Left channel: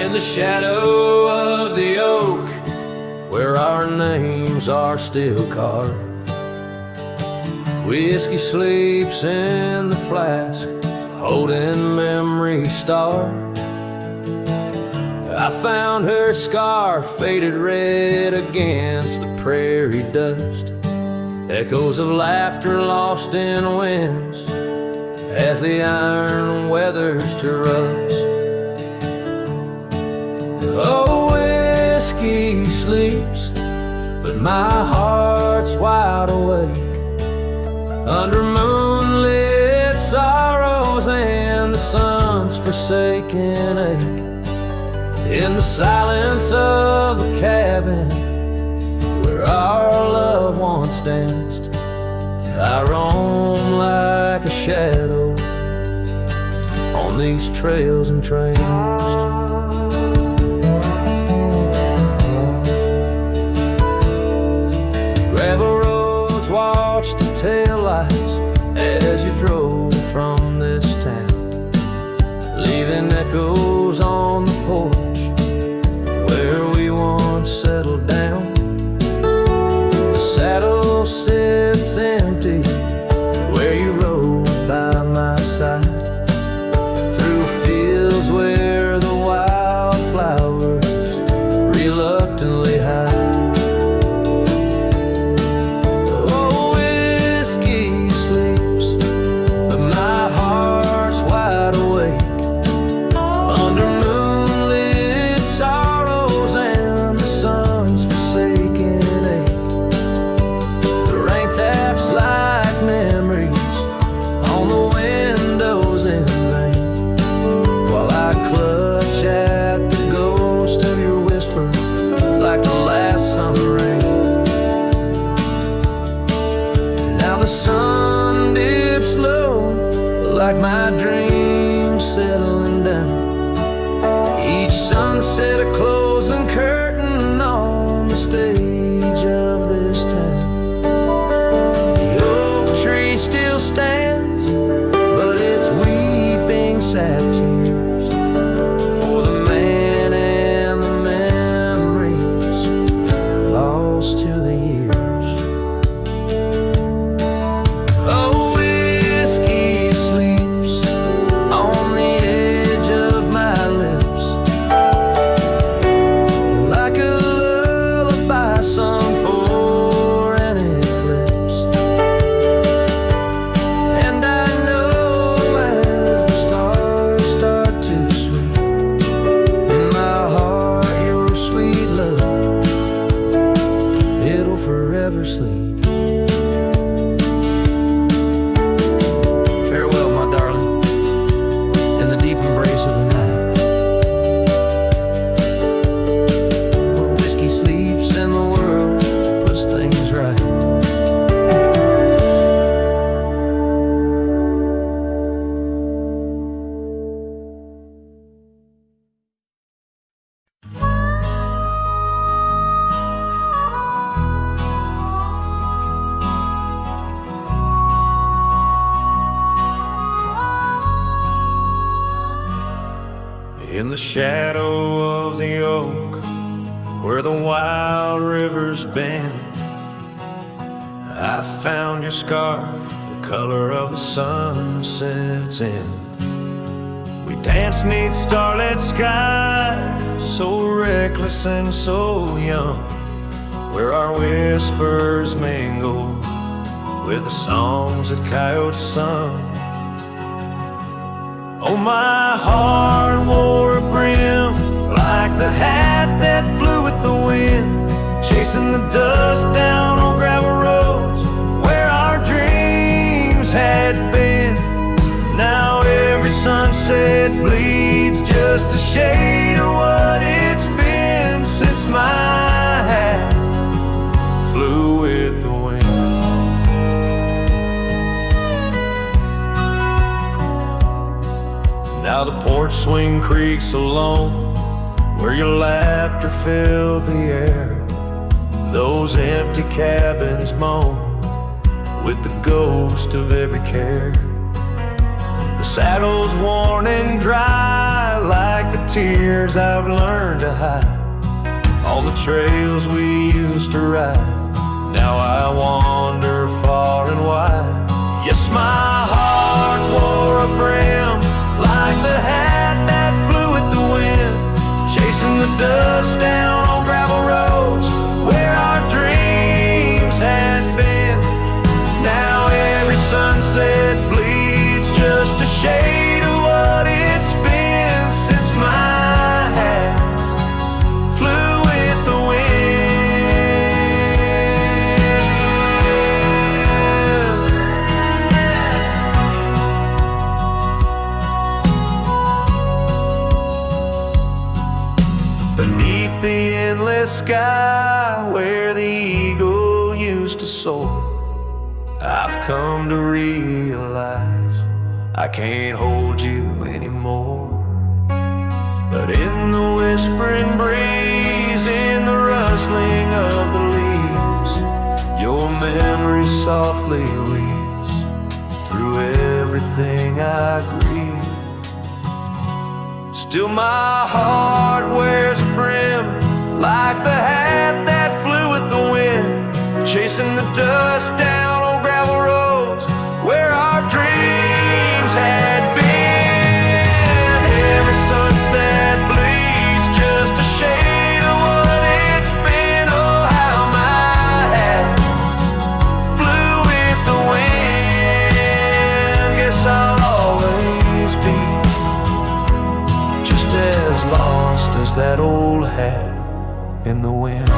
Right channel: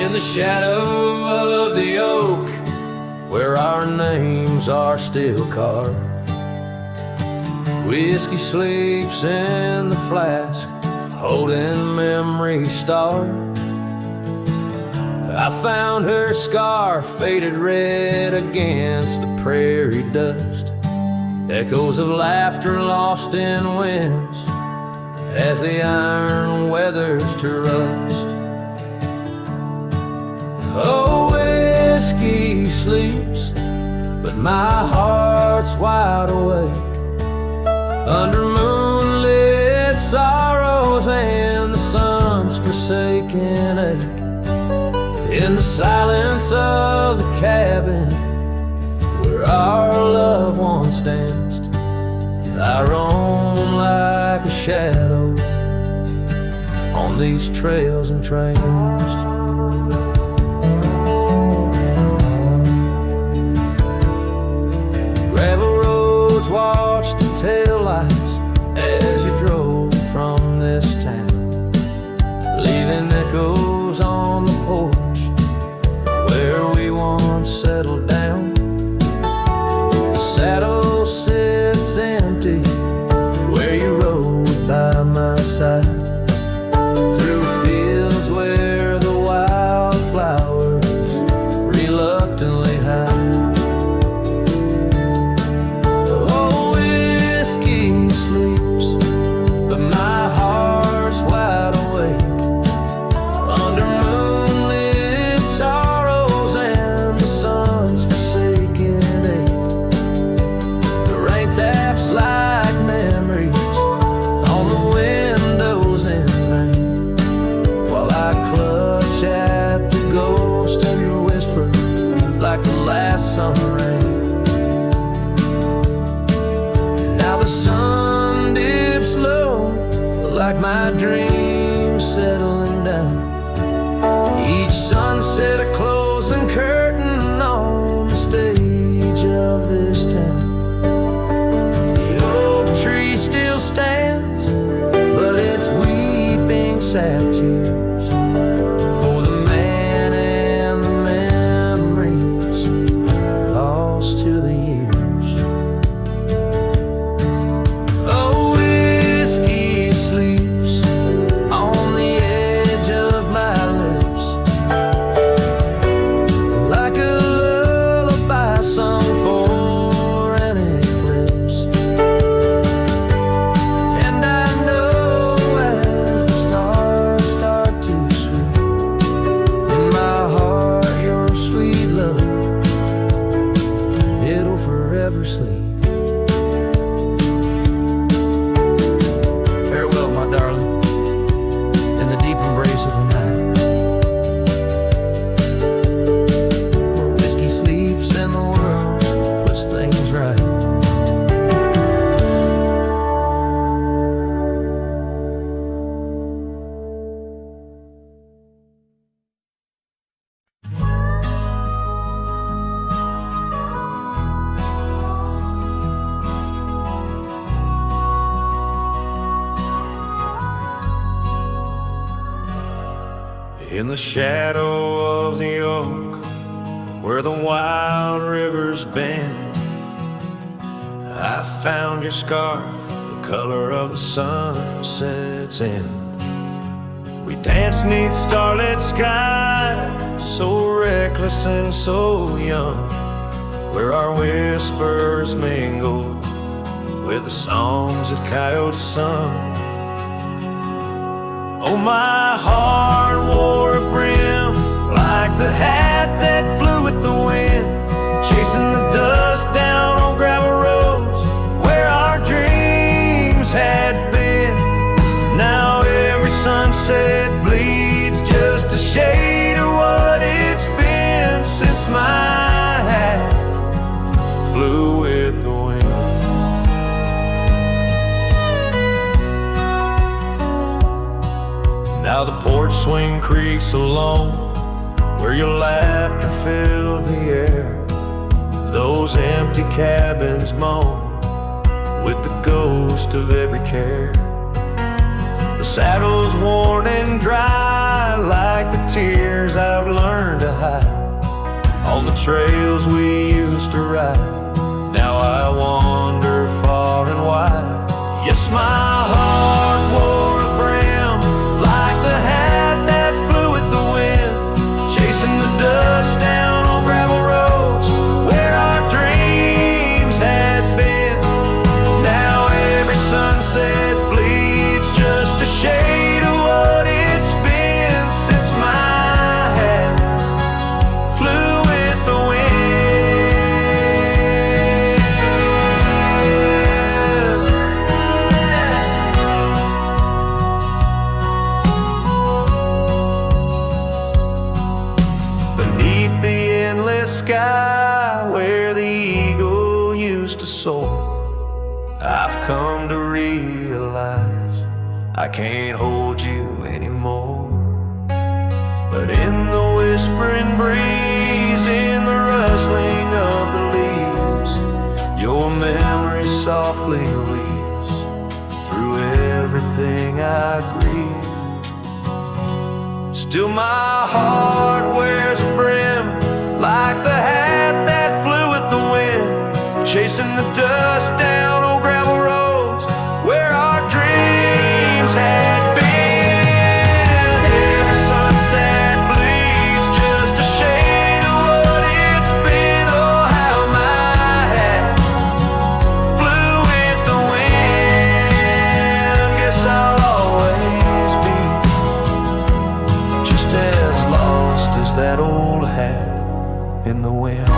In the shadow of the oak, where our names are still carved, whiskey sleeps in the flask, holding memory starved. I found her scar faded red against the prairie dust, echoes of laughter lost in winds as the iron weathers to rust. Oh, whiskey sleeps, but my heart's wide awake under moonlit sorrows and the sun's forsaken ache. In the silence of the cabin where our loved ones danced, I roam like a shadow on these trails entranced. Gravel roads watch the taillights as you drove from this town, leaving echoes on the porch where we once settled down. The saddle sits empty where you rode by my side, through fields where the wildflowers reluctantly hide. Oh, whiskey sleeps, but my heart's wide awake under moonlit sorrows and the sun's forsaken ache. The rain taps like memories on the windows in vain, while I clutch at the ghost of your whisper like the last summer rain. Now the sun dips low like my dreams settling down, each sunset a closing curtain on the stage of this town. The oak tree still stands, but it's weeping sad tears for the man and the memories lost to the years. Oh, whiskey sleeps on the edge of my lips like a lullaby sung for an eclipse. And I know as the stars start to sweep in my heart your sweet love, it'll forever sleep. Farewell, my darling, in the deep embrace of the night, where whiskey sleeps and the world puts things right. In the shadow of the oak, where the wild rivers bend, I found your scarf, the color of the sunset's end. We danced 'neath starlit skies, so reckless and so young, where our whispers mingled with the songs that coyotes sung. Oh, my heart wore a brim like the hat that flew with the wind, chasing the dust down on gravel roads where our dreams had been. Now every sunset bleeds just a shade of what it's been since my hat flew with the wind. Now the porch swing creaks alone, where your laughter filled the air. Those empty cabins moan with the ghost of every care. The saddle's worn and dry, like the tears I've learned to hide on the trails we used to ride. Now I wander far and wide. Yes, my heart wore a brim, like the hat that flew with the wind, chasing the dust down on gravel roads where our dreams had been. Now every sunset bleeds just a shade of what it's been since my hat flew with the wind. Beneath the endless sky where the eagle used to soar, I've come to realize I can't hold you anymore. But in the whispering breeze, in the rustling of the leaves, your memory softly weaves through everything I grieve. Still my heart wears a brim, like the hat that flew with the wind, chasing the dust down on gravel roads where our dreams had been. Every sunset bleeds just a shade of what it's been. Oh, how my hat flew with the wind. Guess I'll always be just as lost as that old hat in the wind.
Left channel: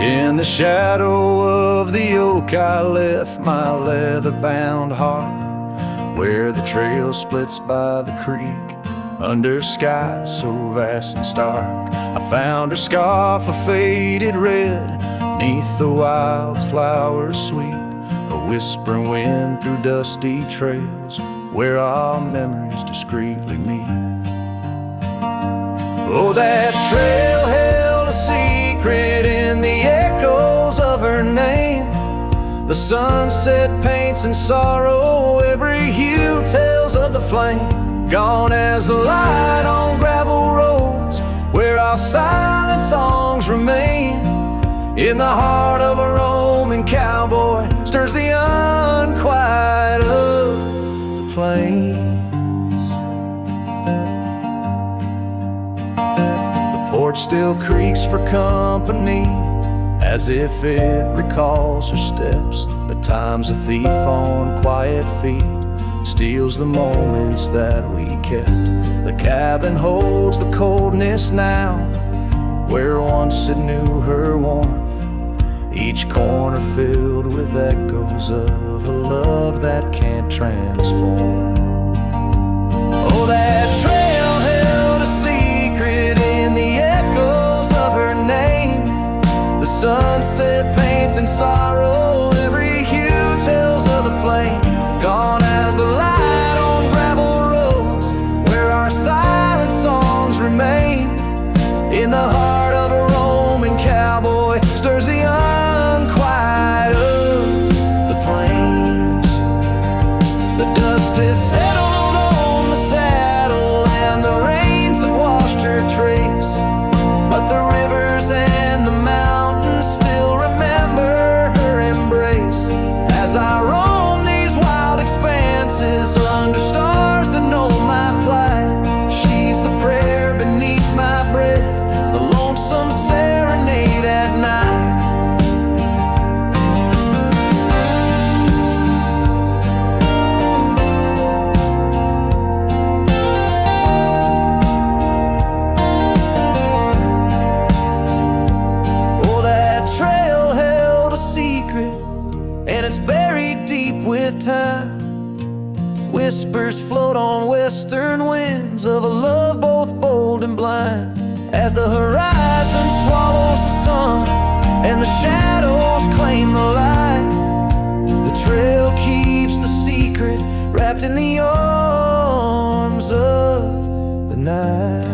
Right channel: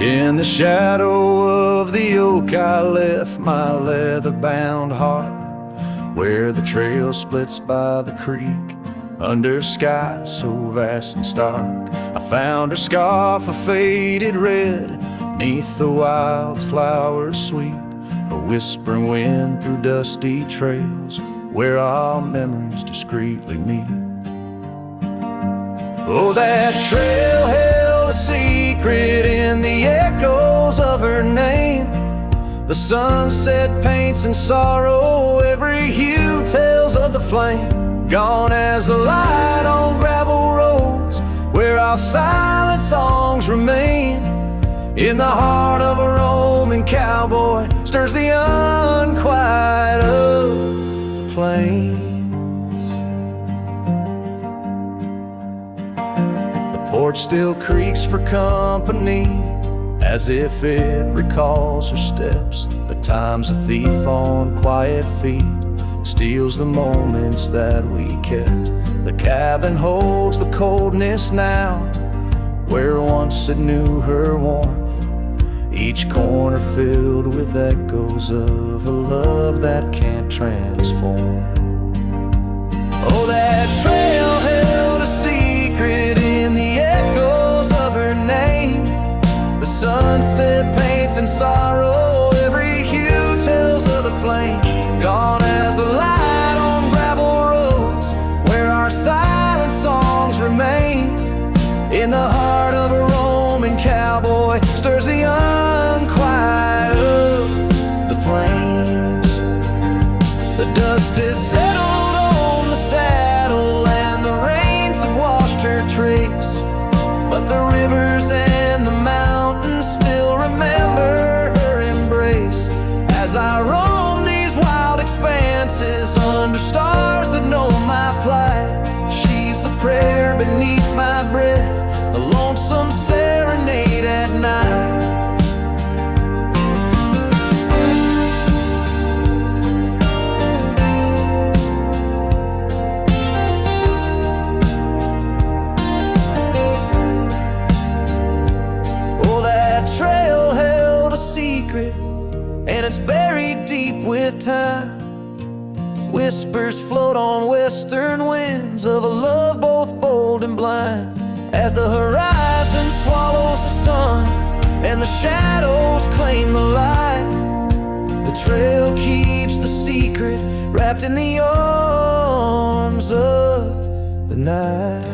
In the shadow of the oak I left my leather-bound heart, where the trail splits by the creek, under skies so vast and stark. I found her scarf of faded red, neath the wildflowers sweet, a whispering wind through dusty trails, where our memories discreetly meet. Oh, that trail held a secret in the echoes of her name. The sunset paints in sorrow, every hue tells of the flame. Gone as the light on gravel roads, where our silent songs remain. In the heart of a roaming cowboy stirs the unquiet of the plains. The porch still creaks for company, as if it recalls her steps. But time's a thief on quiet feet, steals the moments that we kept. The cabin holds the coldness now, where once it knew her warmth. Each corner filled with echoes of a love that can't transform. Oh, that trail held a secret in the echoes of her name. The sunset paints in sorrow, every hue tells of the flame. Gone as the light on gravel roads, where our silent songs remain. In the heart of a roaming cowboy stirs the unquiet of the plains. The dust has settled on the saddle, and the rains have washed her trace. But the rivers and the mountains still remember her embrace. As I roam these wild expanses under stars that know my plight, she's the prayer beneath my breath, the lonesome serenade at night. Oh, that trail held a secret, and it's buried deep with time. Whispers float on western winds of a love both bold and blind. As the horizon swallows the sun and the shadows claim the light, the trail keeps the secret wrapped in the arms of the night.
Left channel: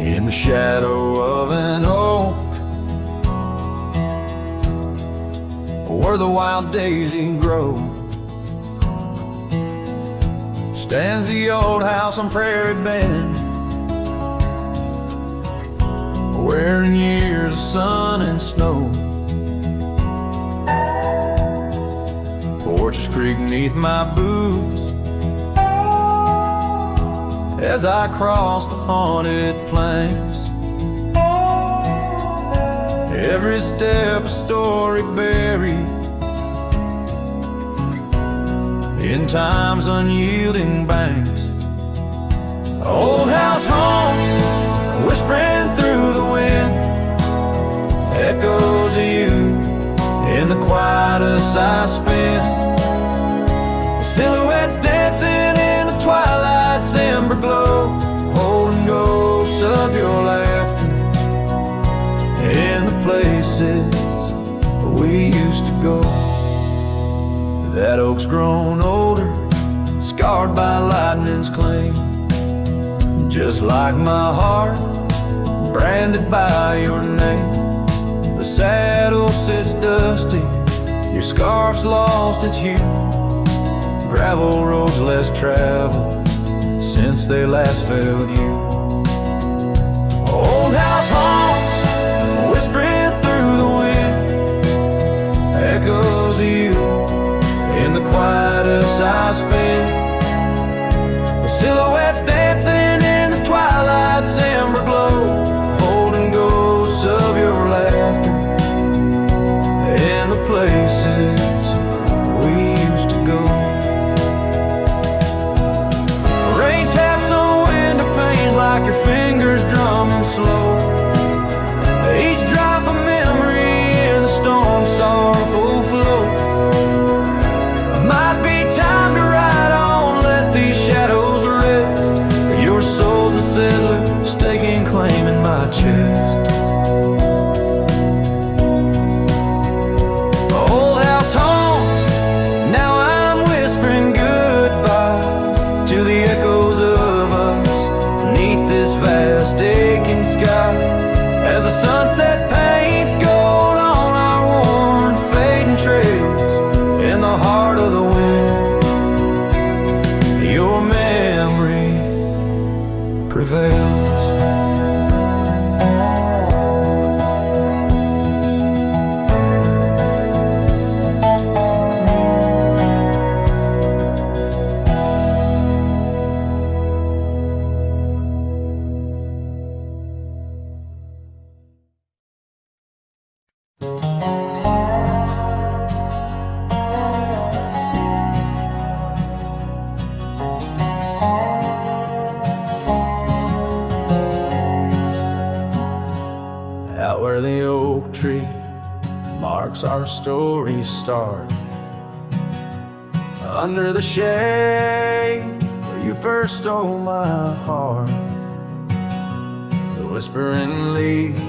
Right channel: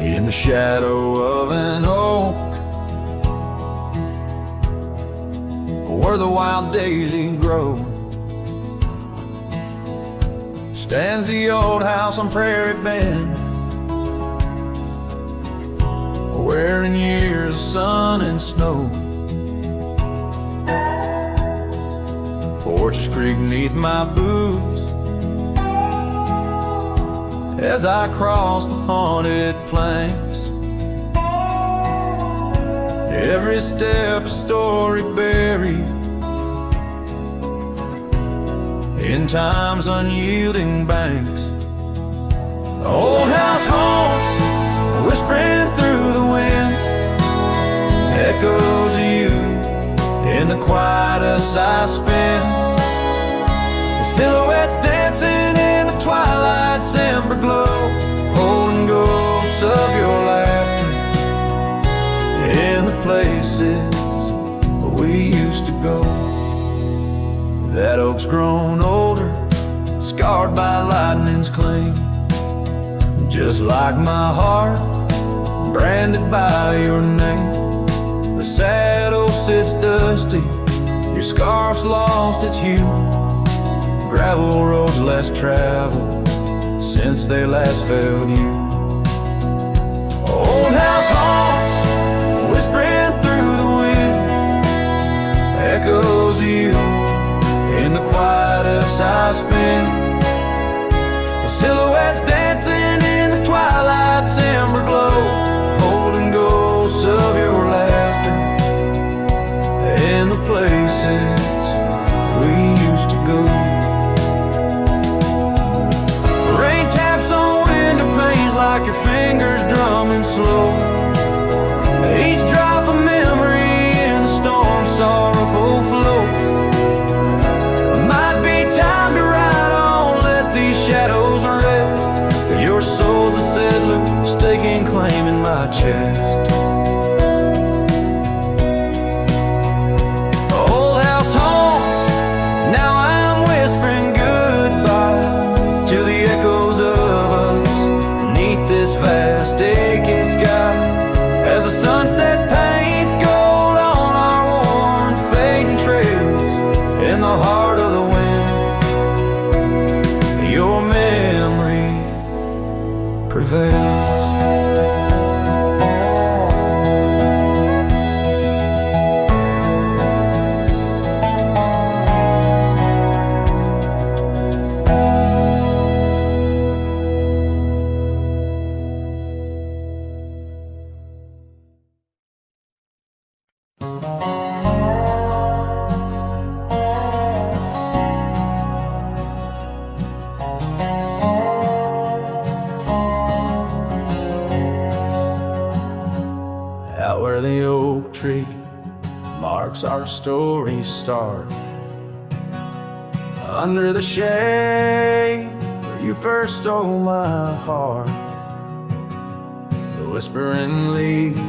In the shadow of an oak, where the wild daisy grows, stands the old house on Prairie Bend, where in years of sun and snow, porches creak neath my boots as I cross the haunted planks. Every step a story buried in time's unyielding banks. Old house haunts, whispering through the wind, echoes of you in the quietest I spend. The silhouettes dancing in the twilight's ember glow, holding ghosts of your laughter in the places we used to go. That oak's grown older, scarred by lightning's cling, just like my heart, branded by your name. The saddle sits dusty, your scarf's lost its hue, gravel roads less traveled since they last failed you. Old house haunts, whispering through the wind, echoes of you in the quietest I spend. The silhouettes dancing in the twilight's ember glow, holding ghosts of your laughter in the places we used to go. Rain taps on window panes like your fingers drumming slow, each drop a memory in the storm's sorrowful flow. Might be time to ride on, let these shadows rest. Your soul's a settler, staking claim in my chest. Old house haunts, now I'm whispering goodbye to the echoes of us beneath this vast aching sky. As the sunset paints gold on our worn fading trails, in the heart of the wind, your memory prevails. Out where the oak tree marks our story's start, under the shade where you first stole my heart, the whispering leaves,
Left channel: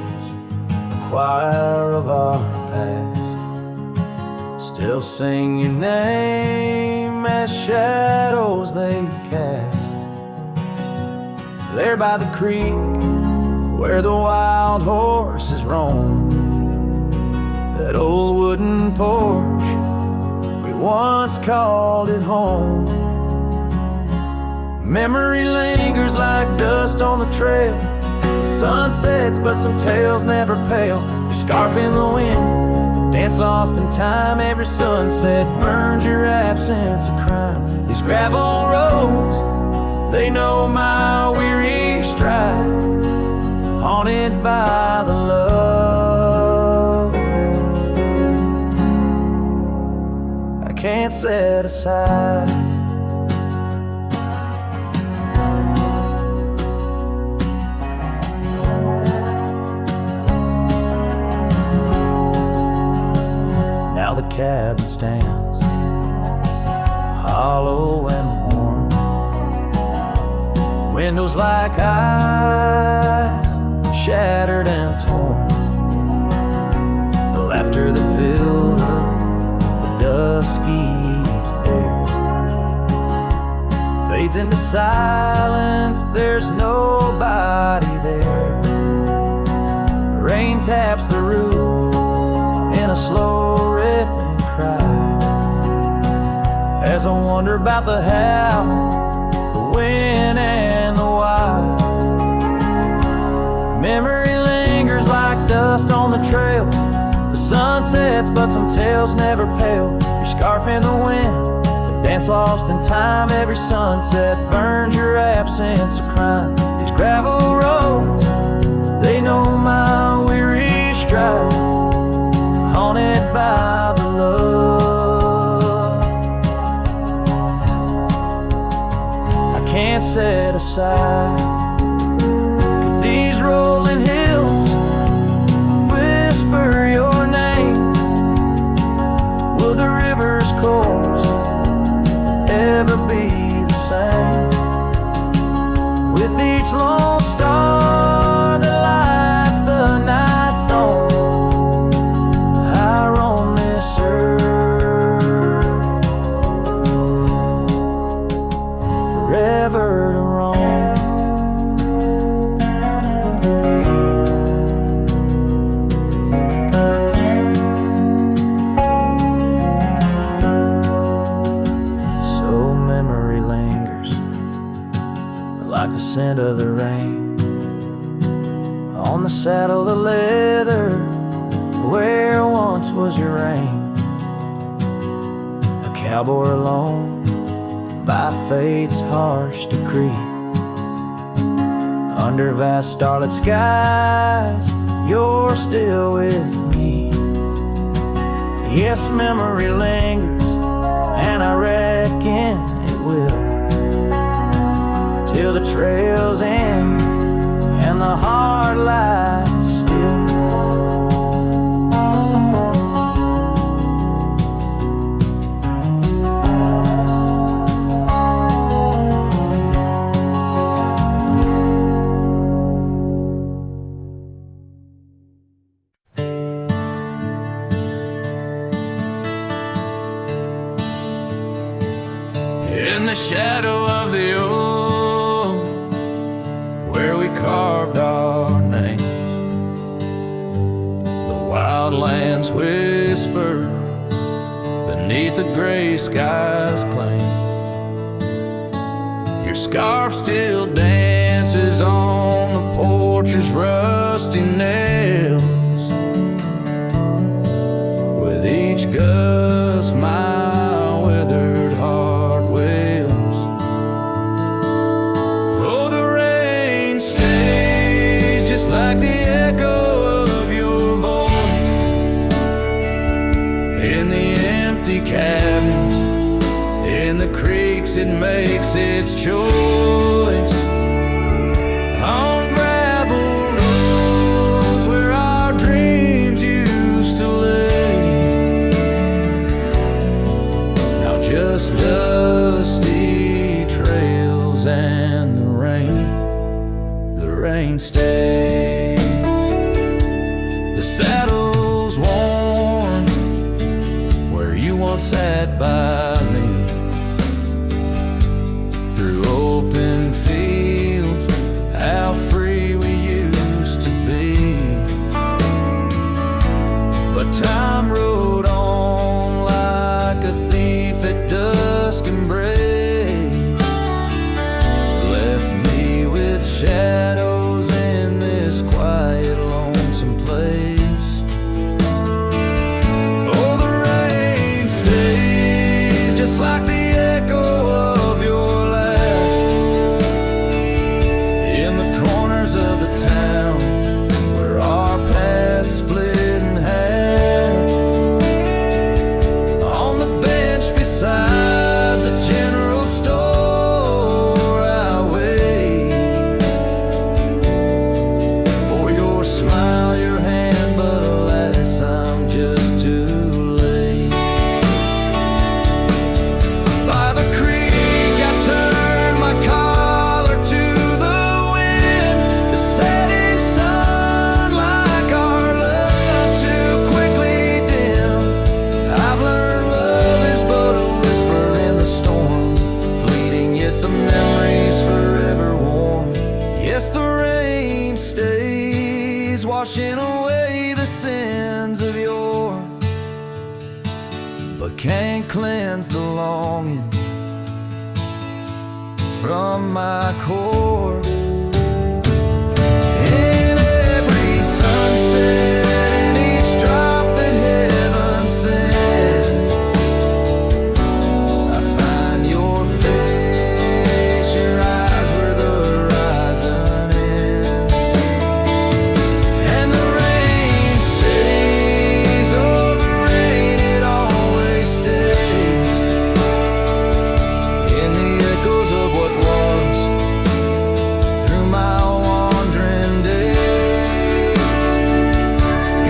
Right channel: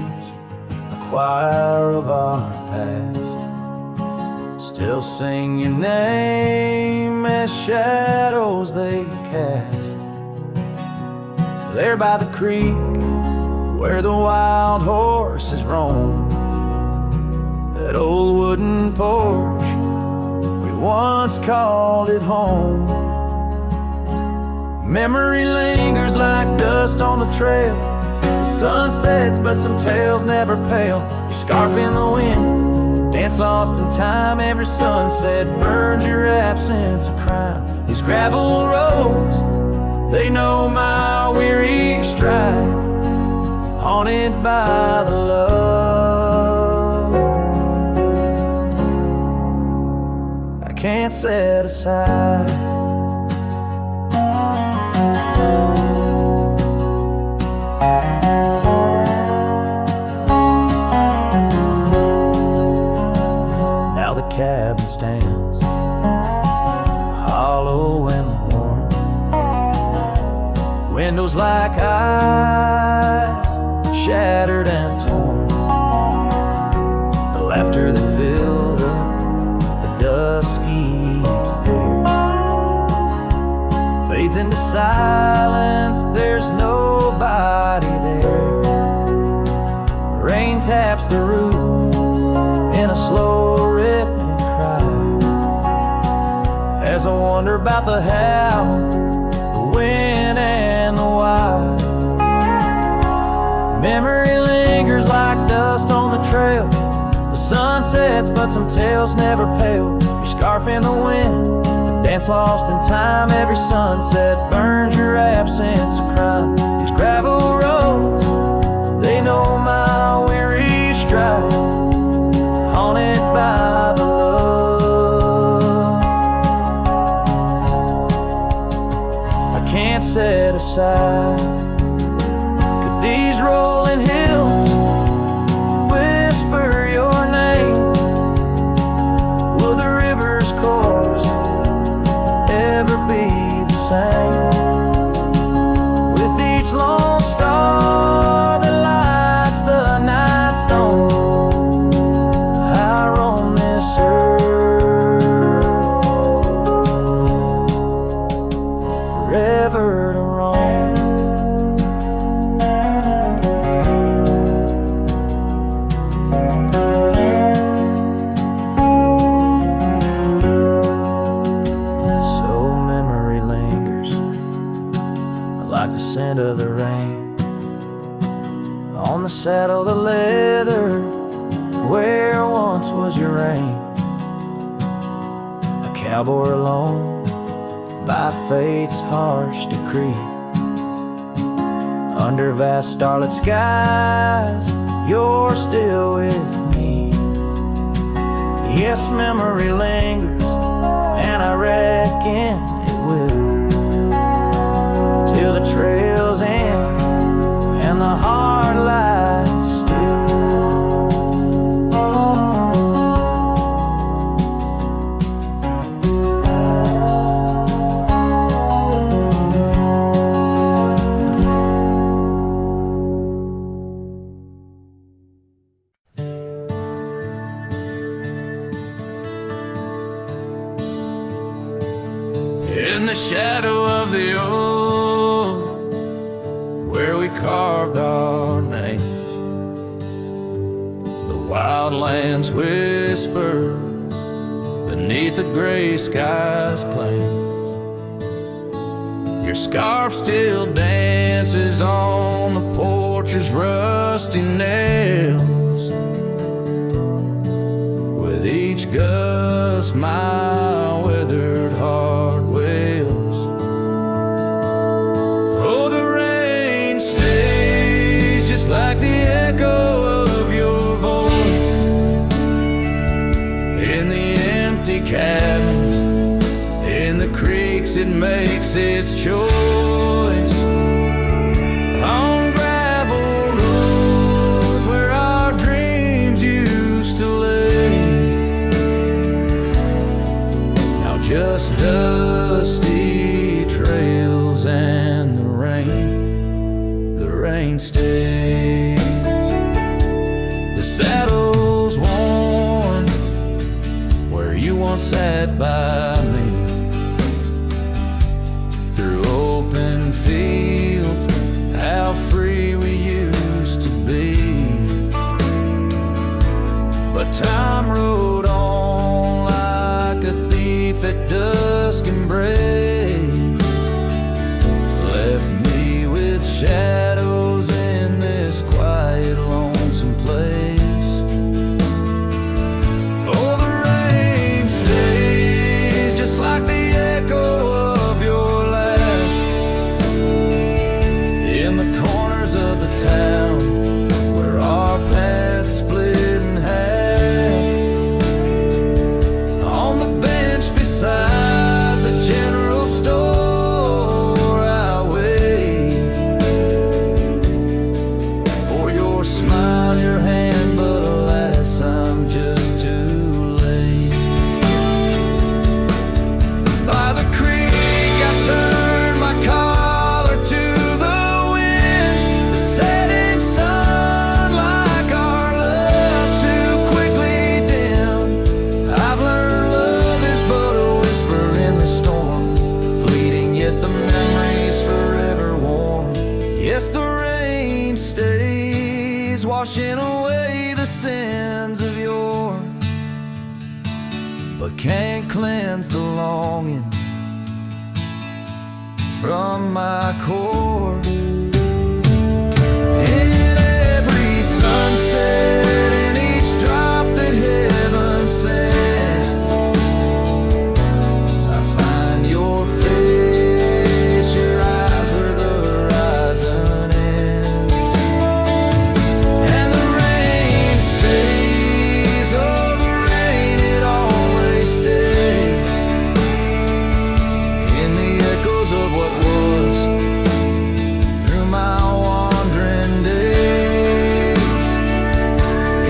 the choir of our past, still sing your name as shadows they cast. There by the creek where the wild horses roam, that old wooden porch, we once called it home. Memory lingers like dust on the trail, the sun sets but some tales never pale. Your scarf in the wind, the Dance lost in time, every sunset burns your absence of crime. These gravel roads, they know my weary stride, haunted by the love I can't set aside. Now the cabin stands hollow and worn, windows like eyes, shattered and torn. The laughter that filled up the dusky eve's air fades into silence, there's nobody there. Rain taps the roof in a slow rhythmic cry, as I wonder about the how, the when and the why. Memory lingers like dust on the trail. The sun sets but some tales never pale. Your scarf in the wind, the dance lost in time. Every sunset burns your absence of crime. These gravel roads, they know my weary stride, haunted by the love I can't set aside. Could these rolling hills whisper your name? Will the river's course ever be the same? With each lone star that lights the night stone, I roam this earth, forever to roam. So memory lingers like the scent of the rain on the saddle, the leather where once was your reign. A cowboy alone by fate's harsh decree, under vast starlit skies, you're still with me. Yes, memory lingers, and I reckon it will, till the trails end and the heart lies still. In the shadow of the oak, where we carved our names, the wildlands whisper beneath the gray sky's claims. Your scarf still dances on the porch's rusty nails. With each gust my withered heart wails. Oh, the rain stays just like the echo of your voice in the empty cabins, in the creeks it makes its choice, on gravel roads where our dreams used to lay. Now just dusty trails and the rain stays. The saddle's worn where you once sat by me, through open fields, how free we used to be. But time rode on like a thief at dusk embrace, left me with shadows in this quiet, lonesome place. town where our paths split in half. On the bench beside the general store, I wait for your smile, your hand, but alas, I'm just too late. By the creek, I turned my collar to the wind. The setting sun, like our love, too quickly dim. I've learned love is but a whisper in the storm, fleeting yet the memory's forever warm. Yes, the rain stays, washing away the sins of yore, but can't cleanse the longing from my core. In every sunset, in each drop that heaven sends, I find your face, your eyes where the horizon ends. And the rain stays, oh the rain, it always stays, in the echoes of what was, through my wandering days,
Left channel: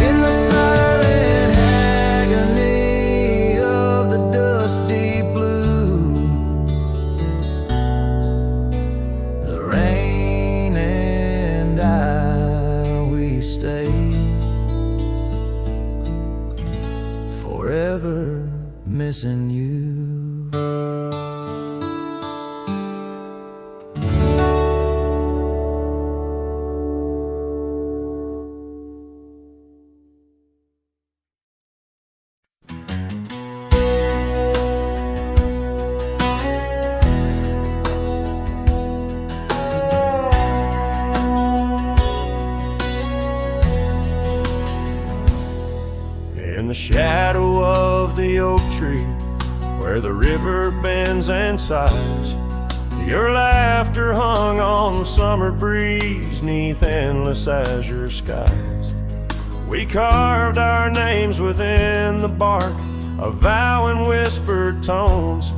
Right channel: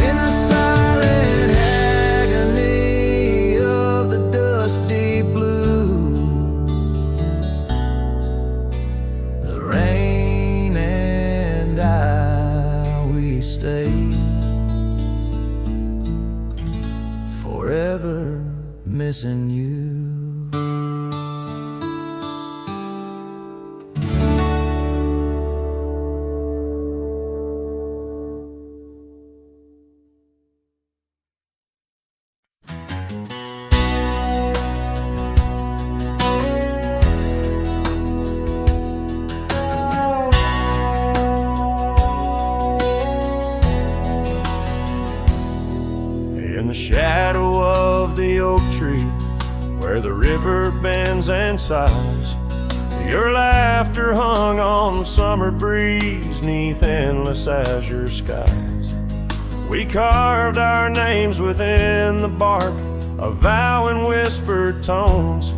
in the silent agony of the dusk deep blue. The rain and I, we stay forever missing you. In the shadow of the oak tree, where the river bends and sighs, your laughter hung on the summer breeze, 'neath endless azure skies. We carved our names within the bark, a vow in whispered tones,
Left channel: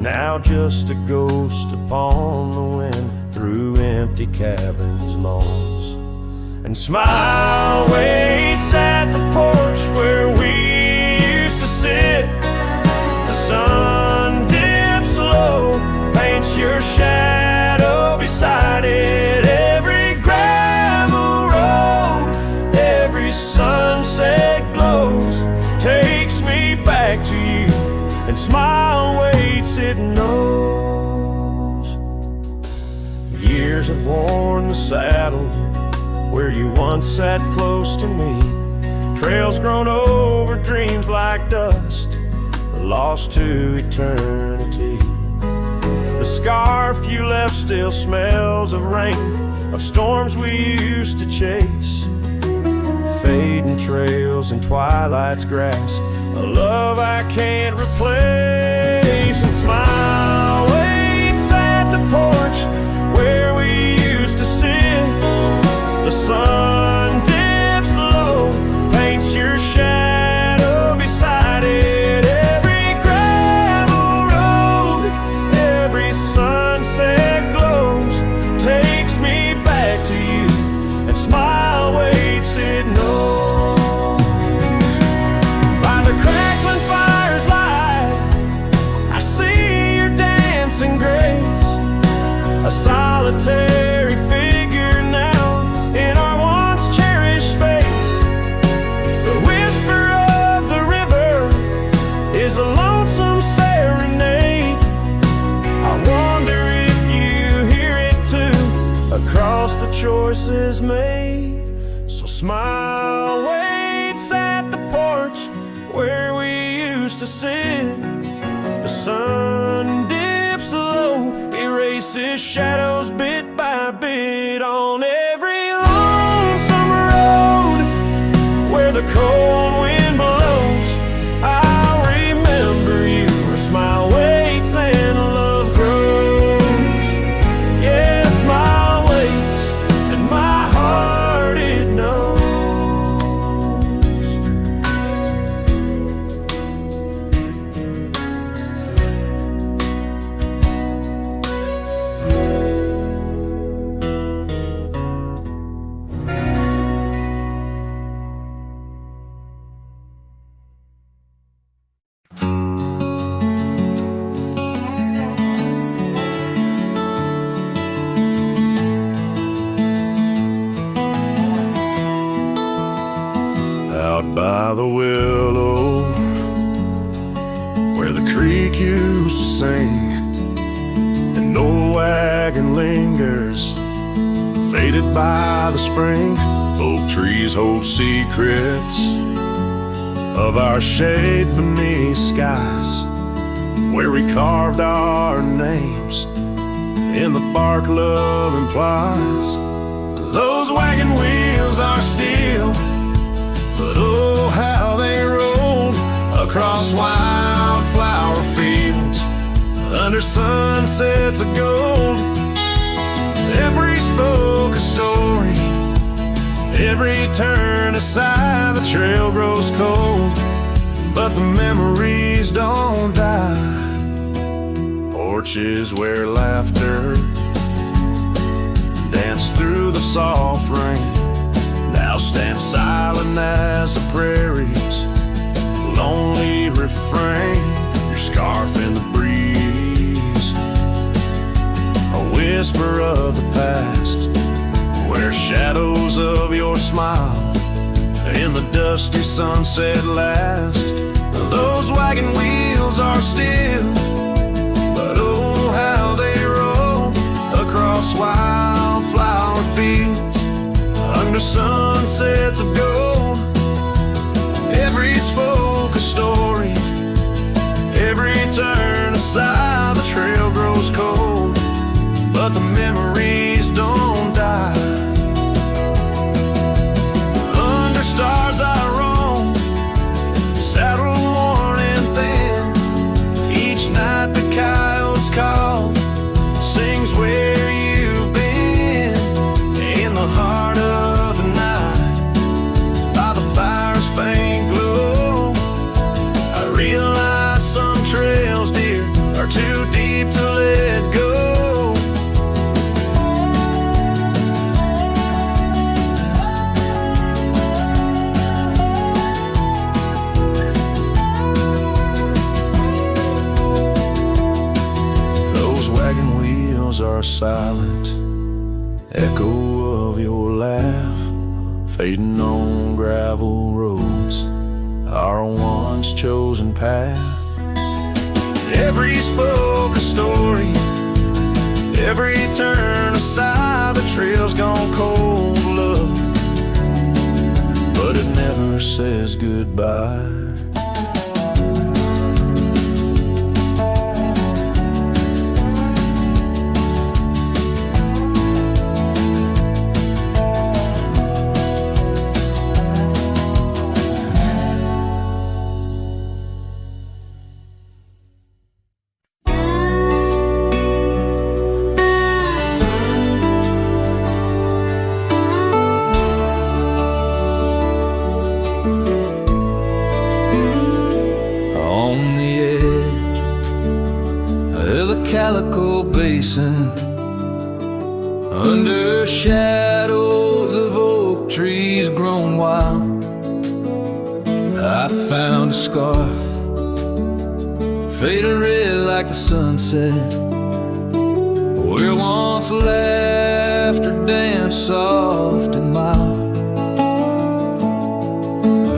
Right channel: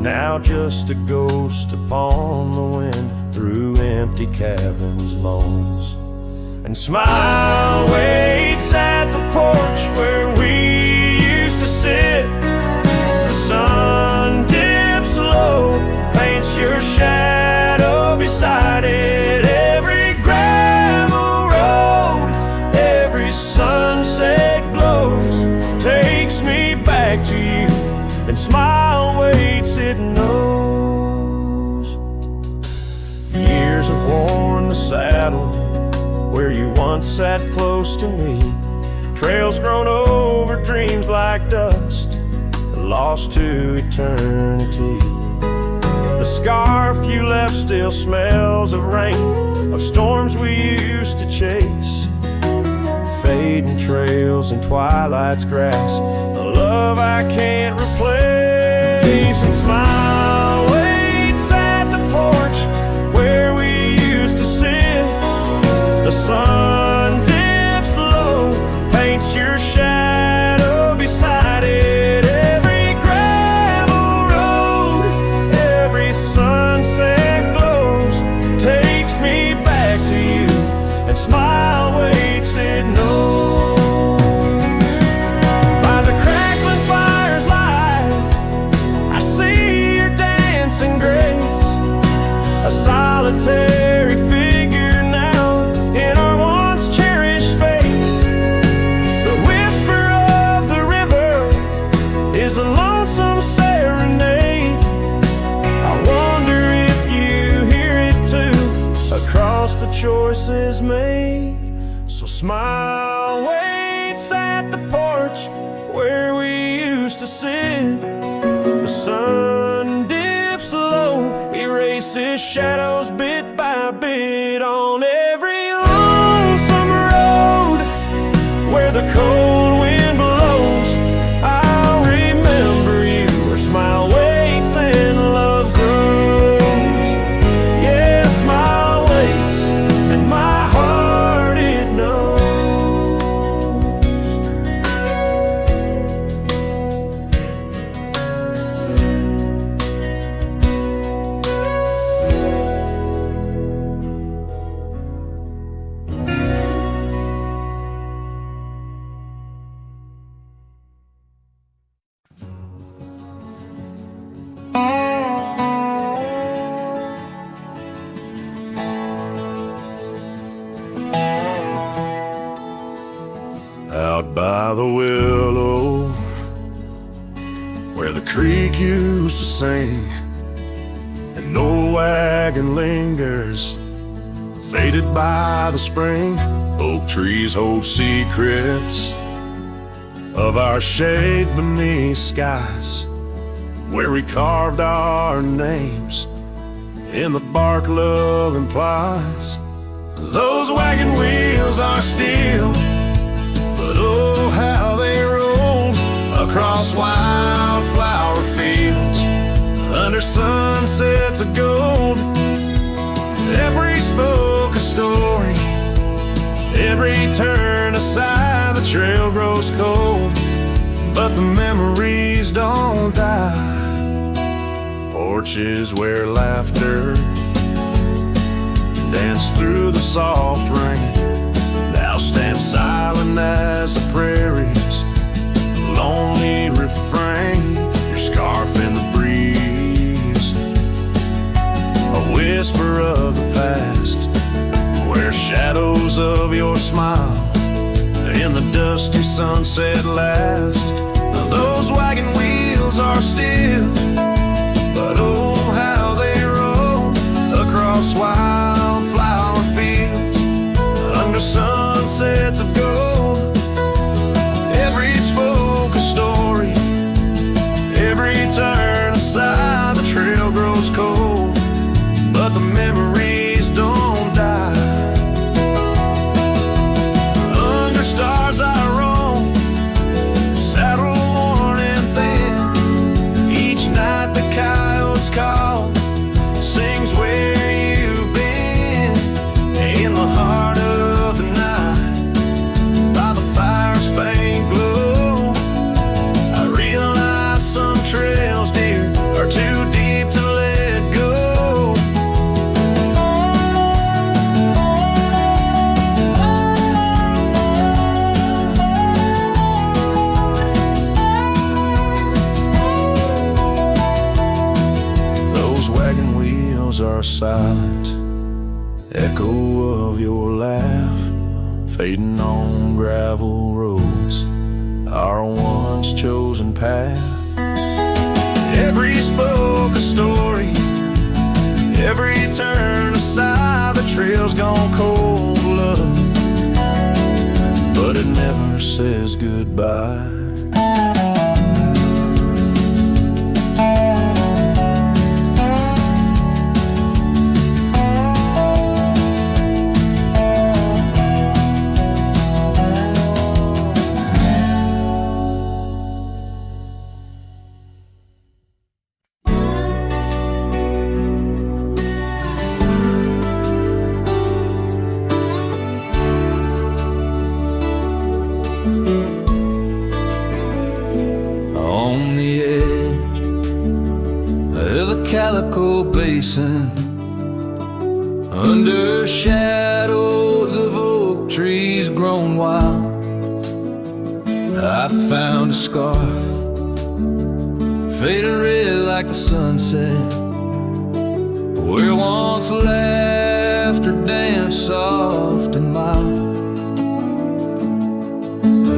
now just a ghost upon the wind through empty cabins' moans. And smile waits at the porch where we used to sit. The sun dips low, paints your shadow beside it. Every gravel road, every sunset glows, takes me back to you. And smile waits, it knows. Years have worn the saddle where you once sat close to me. Trails grown over dreams like dust, lost to eternity. The scarf you left still smells of rain, of storms we used to chase. Fading trails and twilight's grass, a love I can't replace. And smile waits at the porch where we used to sit. The sun dips low, paints your shadow beside it. Every gravel road, every sunset glows, takes me back to you. And smile waits, it knows. By the crackling fire's light, I see your dancing grace, a solitary figure now in our once cherished space. The whisper of the river is a lonesome serenade. I wonder if you hear it too, across the choices made. So smile waits at the porch where we used to sit. The sun dips low, erases shadows bit by bit on every lonesome road where the cold wind blows. I'll remember you where smile waits and love grows. Yeah, smile waits and my heart by the willow, where the creek used to sing. An old wagon lingers, faded by the spring. Oak trees hold secrets of our shade beneath skies, where we carved our names in the bark love implies. Those wagon wheels are steel, but oh how they rolled across wildflower fields under sunsets of gold. Every spoke a story, every turn aside, the trail grows cold, but the memories don't die. Porches where laughter danced through the soft rain now stand silent as the prairie's lonely refrain. Your scarf in the breeze, a whisper of the past, where shadows of your smile in the dusty sunset last. Those wagon wheels are still, but oh how they roll across wildflower fields under sunsets of gold. Every spoke a story, every turn aside, the trail grows cold, but the memories don't die. Under stars I roam, saddle worn and thin. Each night the coyotes call, sings where you've been. In the heart of the night, by the fire's faint glow, I realize some trails, dear, are too deep to let go. Those wagon wheels are a silent echo of your laugh, fading on gravel roads, our once chosen path. Every spoke a story, every turn aside, the trail's gone cold, love, but it never says goodbye. On the edge of the Calico Basin, under shadows of oak trees grown wild, I found a scarf, faded red like the sunset, where once laughter danced soft and mild.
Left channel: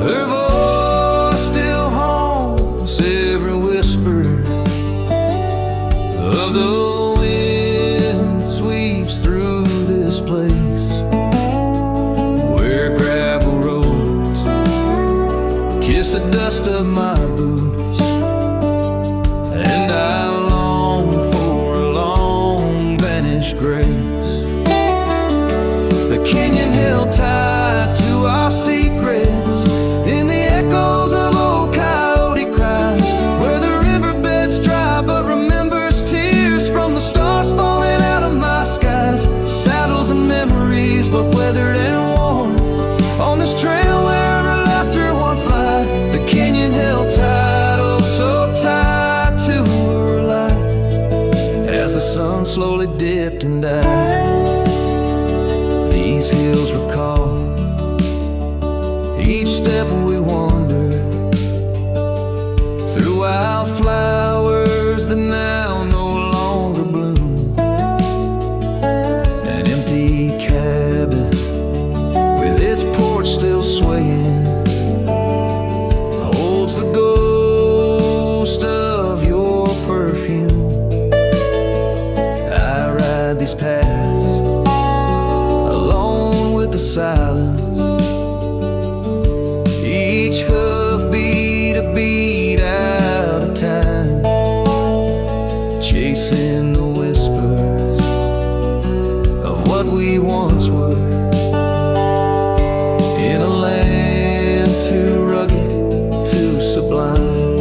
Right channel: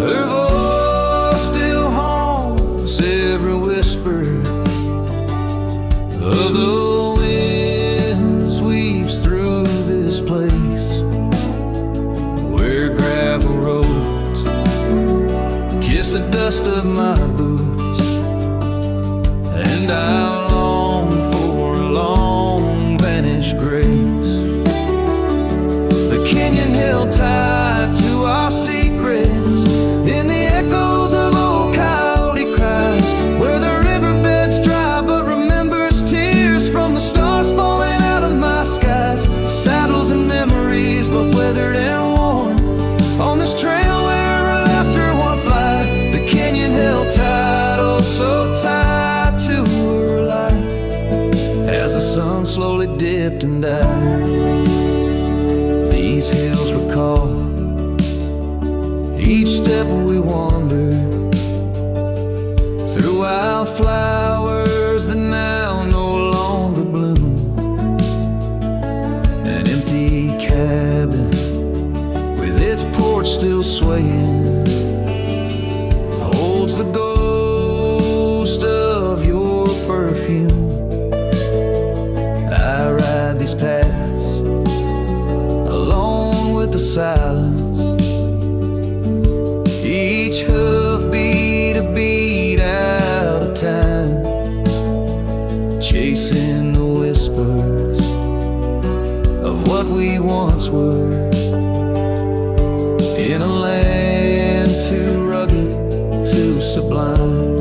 Her voice still haunts every whisper of the wind that sweeps through this place, where gravel roads kiss the dust of my boots, and I long for a long vanished grace. The canyon held tight to our secrets in the echoes of old coyote cries, where the riverbed's dry but remembers tears from the stars falling out of my skies. Saddles and memories, both weathered and worn, on this trail where her laughter once lied. The canyon held tight, oh so tight to her light, as the sun slowly dipped and died. These hills recall each step we wandered through wildflowers that now no longer bloom. An empty cabin with its porch still swaying, holds the ghost of your perfume. I ride these paths alone with the silence, each hoof beat a beat out of time, chasing the whispers of what we once were, in a land too rugged, too sublime.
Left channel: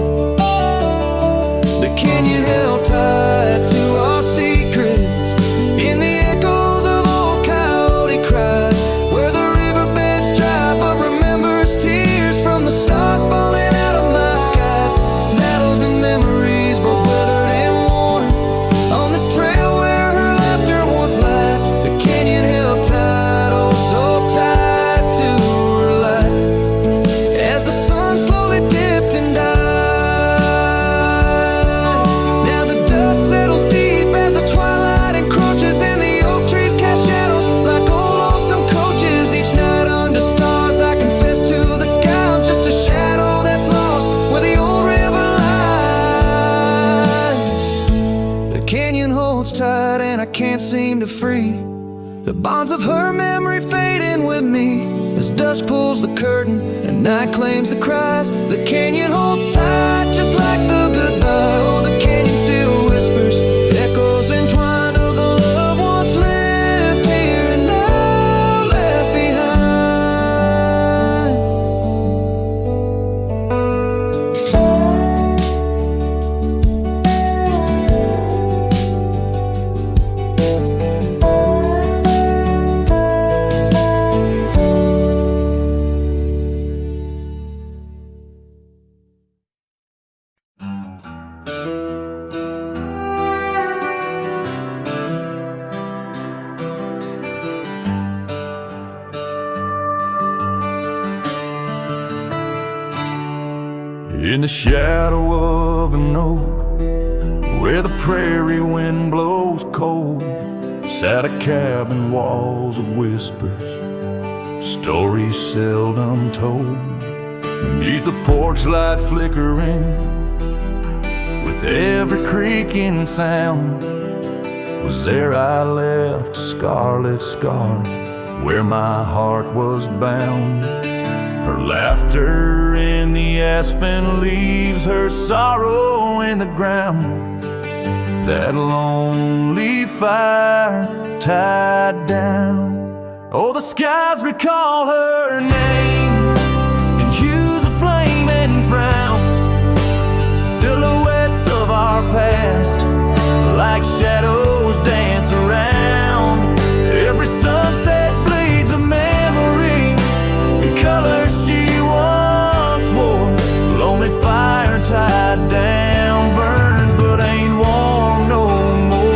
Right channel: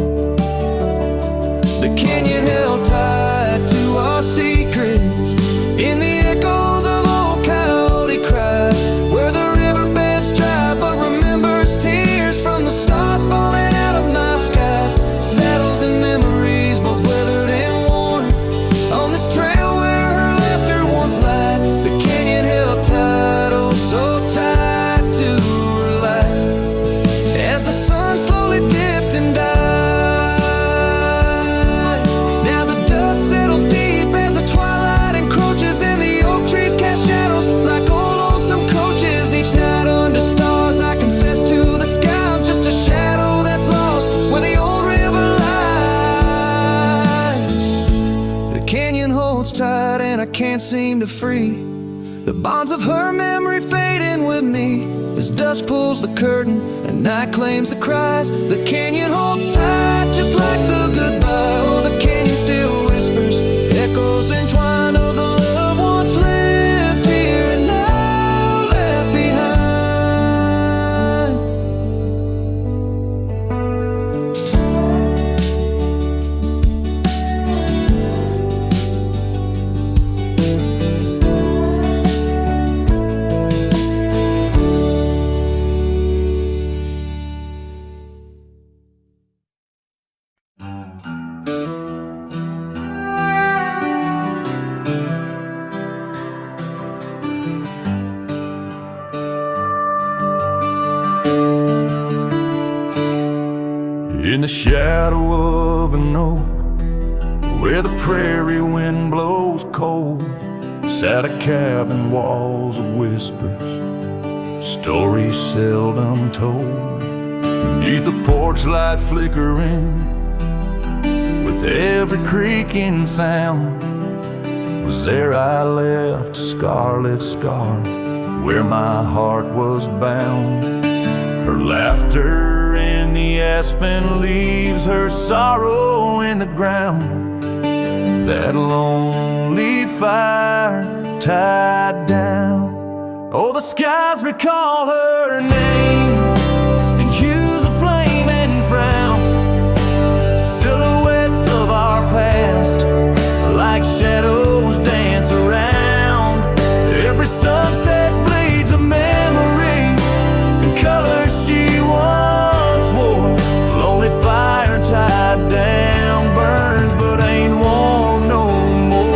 The canyon held tight to our secrets in the echoes of old coyote cries, where the riverbeds dry but remembers tears from the stars falling out of my skies. Saddles and memories, both weathered and worn, on this trail where her laughter once lied. The canyon held tight, oh so tight to her light, as the sun slowly dipped and died. Now the dust settles deep as the twilight encroaches, and the oak trees cast shadows like old lonesome coaches. Each night under stars I confess to the sky, I'm just a shadow that's lost where the old river lies. The canyon holds tight and I can't seem to free the bonds of her memory fading with me, as dusk pulls the curtain and night claims the cries. The canyon holds tight just like the goodbye. Oh, the canyon still whispers echoes entwined of the love once lived here and now left behind. In the shadow of an oak, where the prairie wind blows cold, sat a cabin, walls of whispers, stories seldom told. Beneath the porch light flickering, with every creaking sound, was there I left a scarlet scarf where my heart was bound. Her laughter in the aspen leaves, her sorrow in the ground, that lonely fire tied down. Oh, the skies recall her name in hues of flame and frown, silhouettes of our past like shadows dance around. Every sunset bleeds a memory, colors she once wore. Lonely fire tied down, burns but ain't warm no more.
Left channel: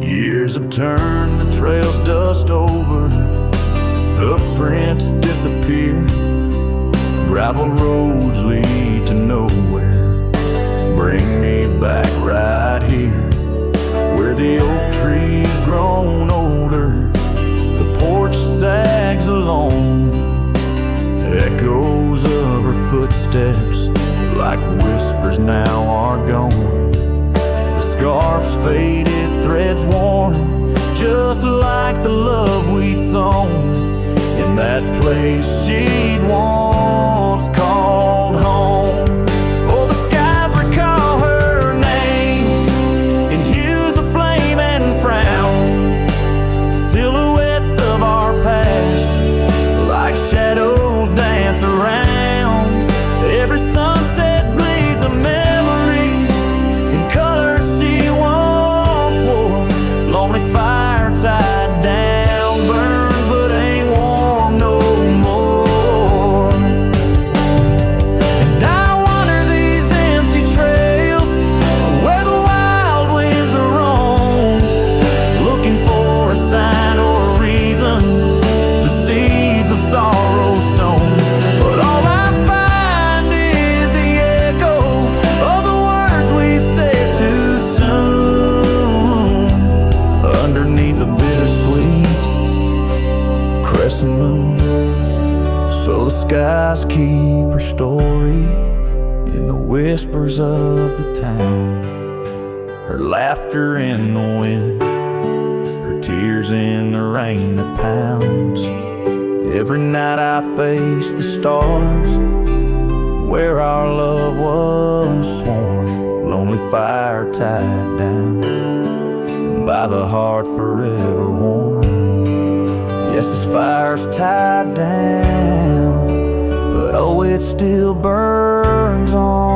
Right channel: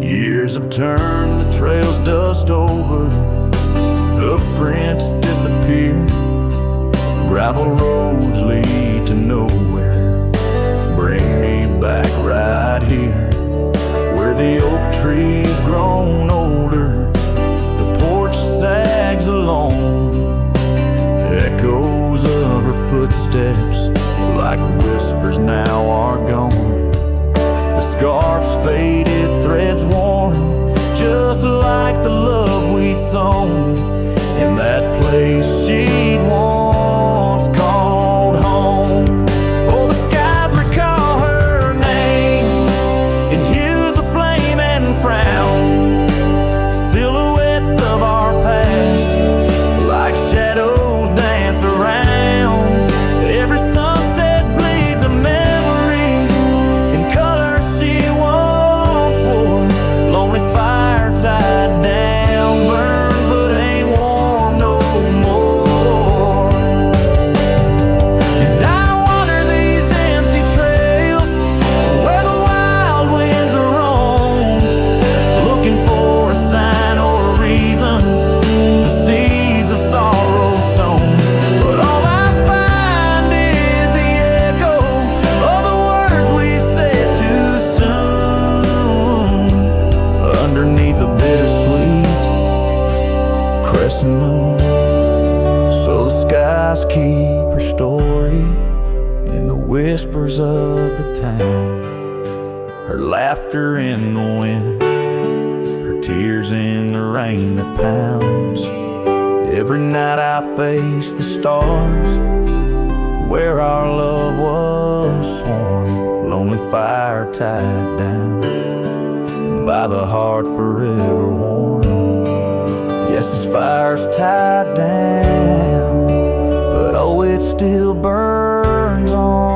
Years have turned the trails dust over, hoof prints disappear, gravel roads lead to nowhere. Bring me back right here, where the oak tree's grown older, the porch sags along. Echoes of her footsteps like whispers now are gone. The scarf's faded, threads worn, just like the love we'd sown in that place she'd once called home. Oh, the skies recall her name in hues of flame and frown, silhouettes of our past like shadows dance around. Every sunset bleeds a memory in colors she once wore. Lonely fire tied down, burns but ain't warm no more. And I wander these empty trails where the wild winds are roamed, looking for a sign or a reason, the seeds of sorrow sown. But all I find is So the skies keep her story in the whispers of the town, her laughter in the wind, her tears in the rain that pounds. Every night I face the stars where our love was sworn, lonely fire tied down by the heart forever warm. Yes, this fire's tied down, but oh, it still burns on.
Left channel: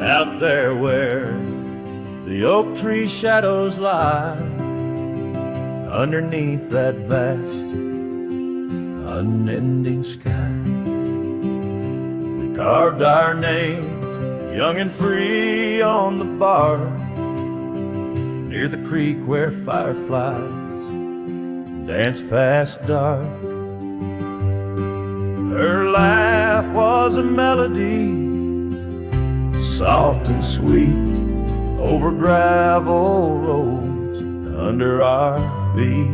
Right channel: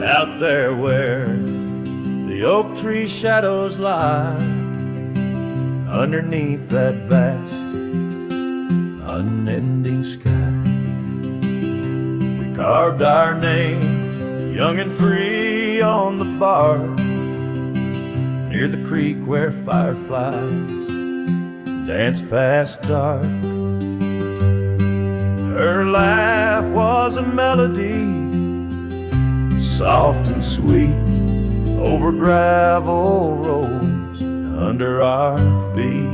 Out there where the oak tree shadows lie, underneath that vast, unending sky, we carved our names, young and free, on the bar, near the creek where fireflies dance past dark. Her laugh was a melody, soft and sweet, over gravel roads under our feet.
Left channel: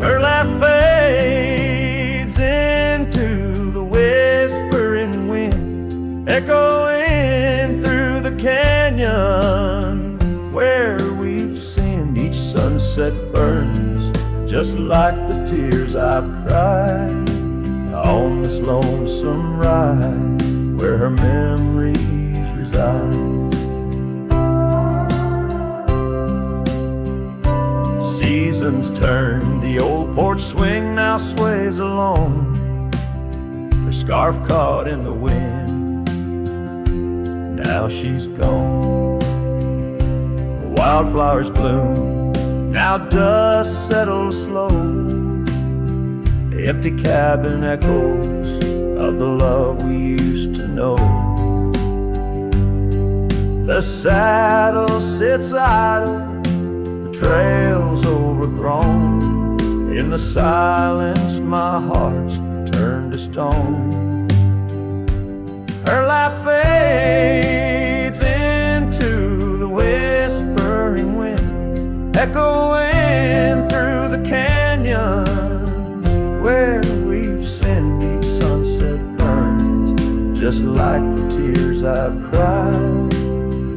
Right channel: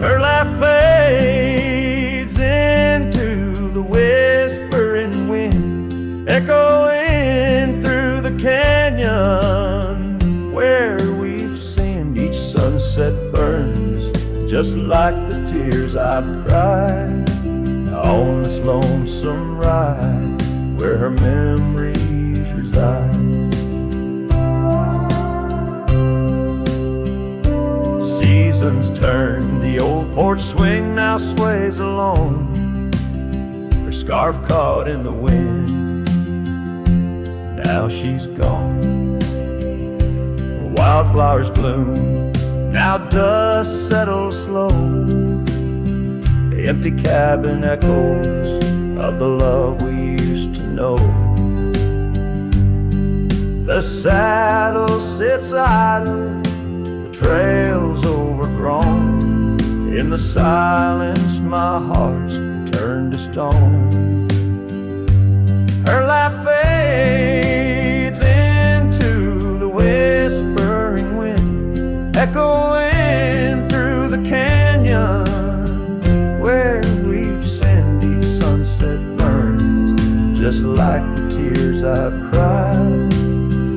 Her laugh fades into the whispering wind, echoing through the canyon where we've sinned. Each sunset burns just like the tears I've cried on this lonesome ride where her memories reside. Seasons turn, the old porch swing now sways along, her scarf caught in the wind, now she's gone. Wildflowers bloom, now dust settles slow, the empty cabin echoes of the love we used to know. The saddle sits idle, the trail's overgrown. In the silence my heart's turned to stone. Her laugh fades into the whispering wind, echoing through the canyons where we've sinned. Each sunset burns just like the tears I've cried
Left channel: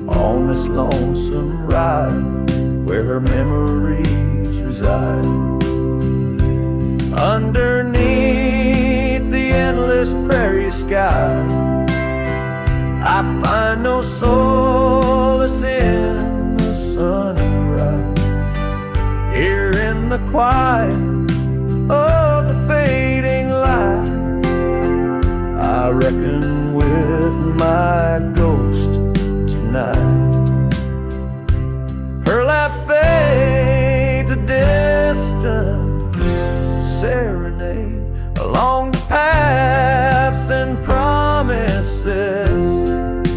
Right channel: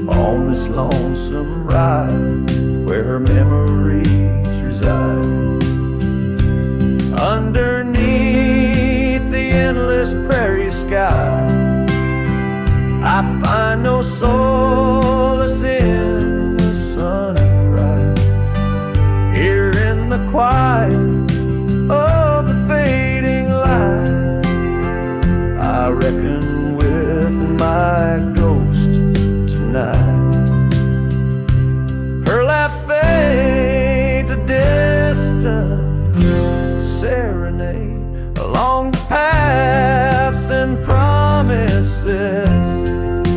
on this lonesome ride where her memories reside. Underneath the endless prairie sky, I find no solace in the sunrise. Here in the quiet of the fading light, I reckon with my ghost tonight. Her laugh fades a distant serenade along the paths and promises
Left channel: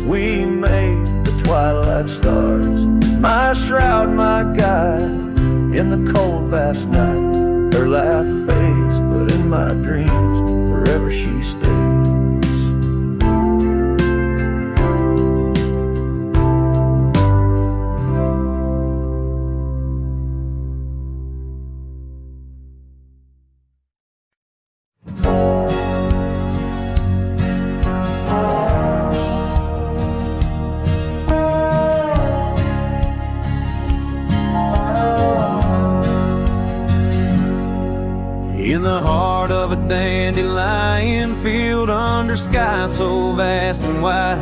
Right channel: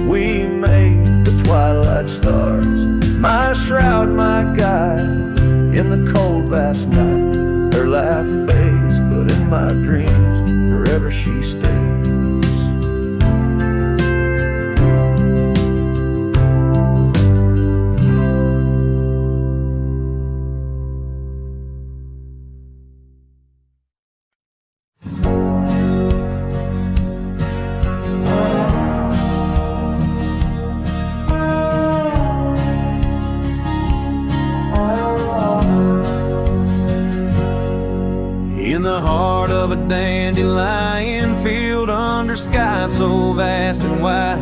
we made. The twilight stars, my shroud, my guide in the cold vast night. Her laugh fades, but in my dreams forever she stays. In the heart of a dandelion field under sky so vast and wide,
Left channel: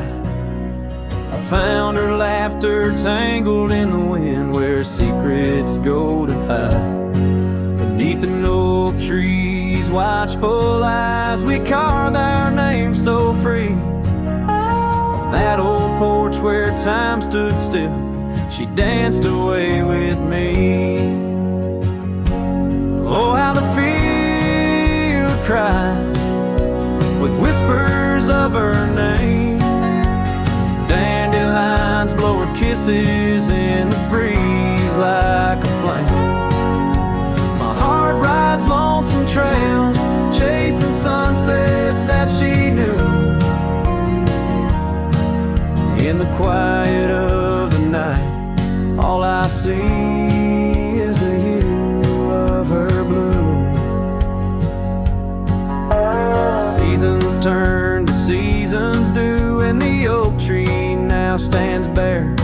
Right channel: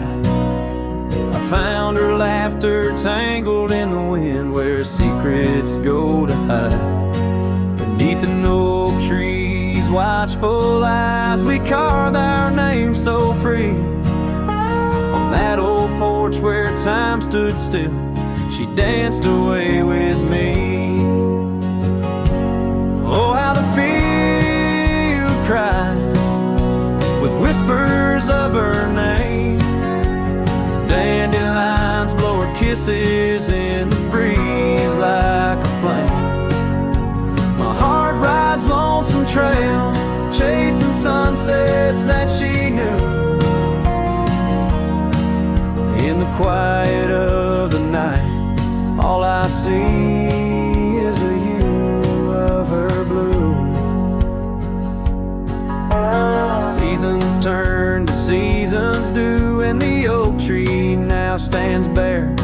I found her laughter tangled in the wind where secrets go to hide. Beneath an oak tree's watchful eyes, we carved our names so free. On that old porch where time stood still, she danced away with me. Oh, how the field cries with whispers of her name. Dandelions blow her kisses in the breeze like a flame. My heart rides lonesome trails, chasing sunsets that she knew. In the quiet of the night, all I see is the hue of her blue. Seasons turn to seasons do, and the oak tree now stands bare.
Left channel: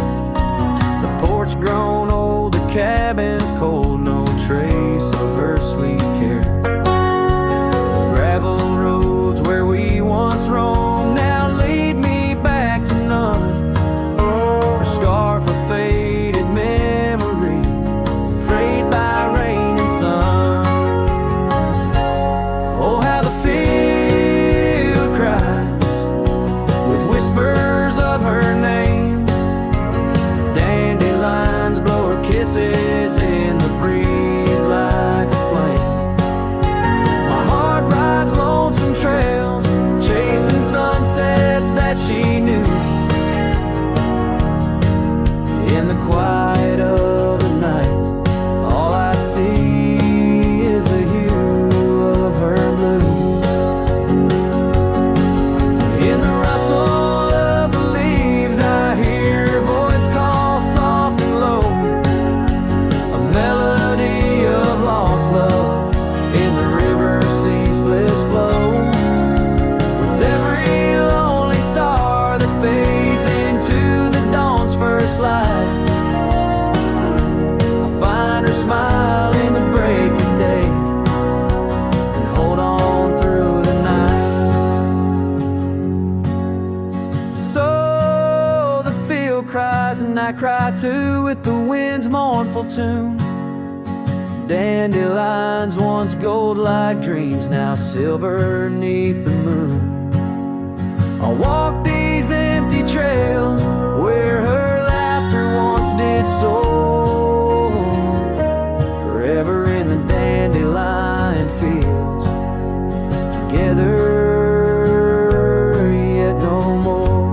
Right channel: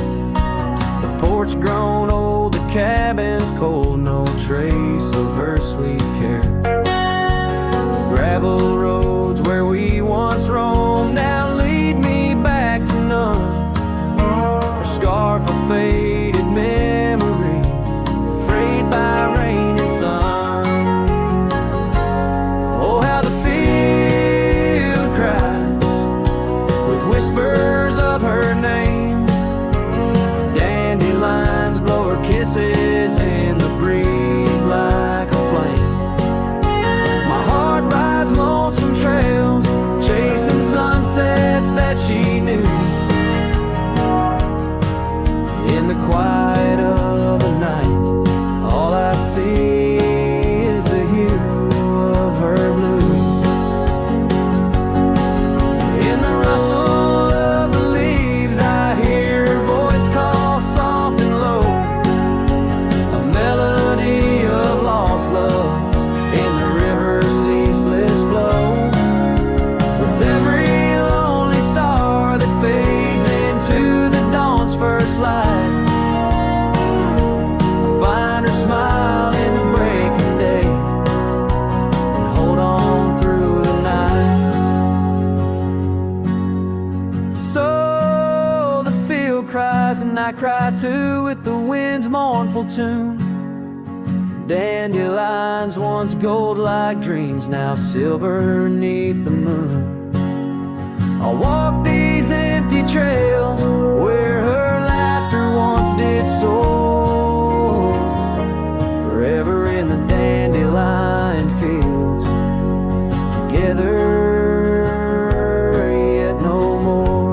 The porch grown old, the cabin's cold, no trace of her sweet care. Gravel roads where we once roamed now lead me back to none. Her scarf a faded memory, frayed by rain and sun. Oh, how the field cries with whispers of her name. Dandelions blow her kisses in the breeze like a flame. My heart rides lonesome trails, chasing sunsets that she knew. In the quiet of the night, all I see is the hue of her blue. In the rustle of the leaves, I hear her voice call soft and low, a melody of lost love in the river's ceaseless flow. With every lonely star that fades into the dawn's first light, I find her smile in the breaking day and hold on through the night. So the field cries and I cry too with the wind's mournful tune. Dandelions once gold like dreams, now silver neath the moon. I'll walk these empty trails where her laughter once did soar, forever in the dandelion fields, together yet no more.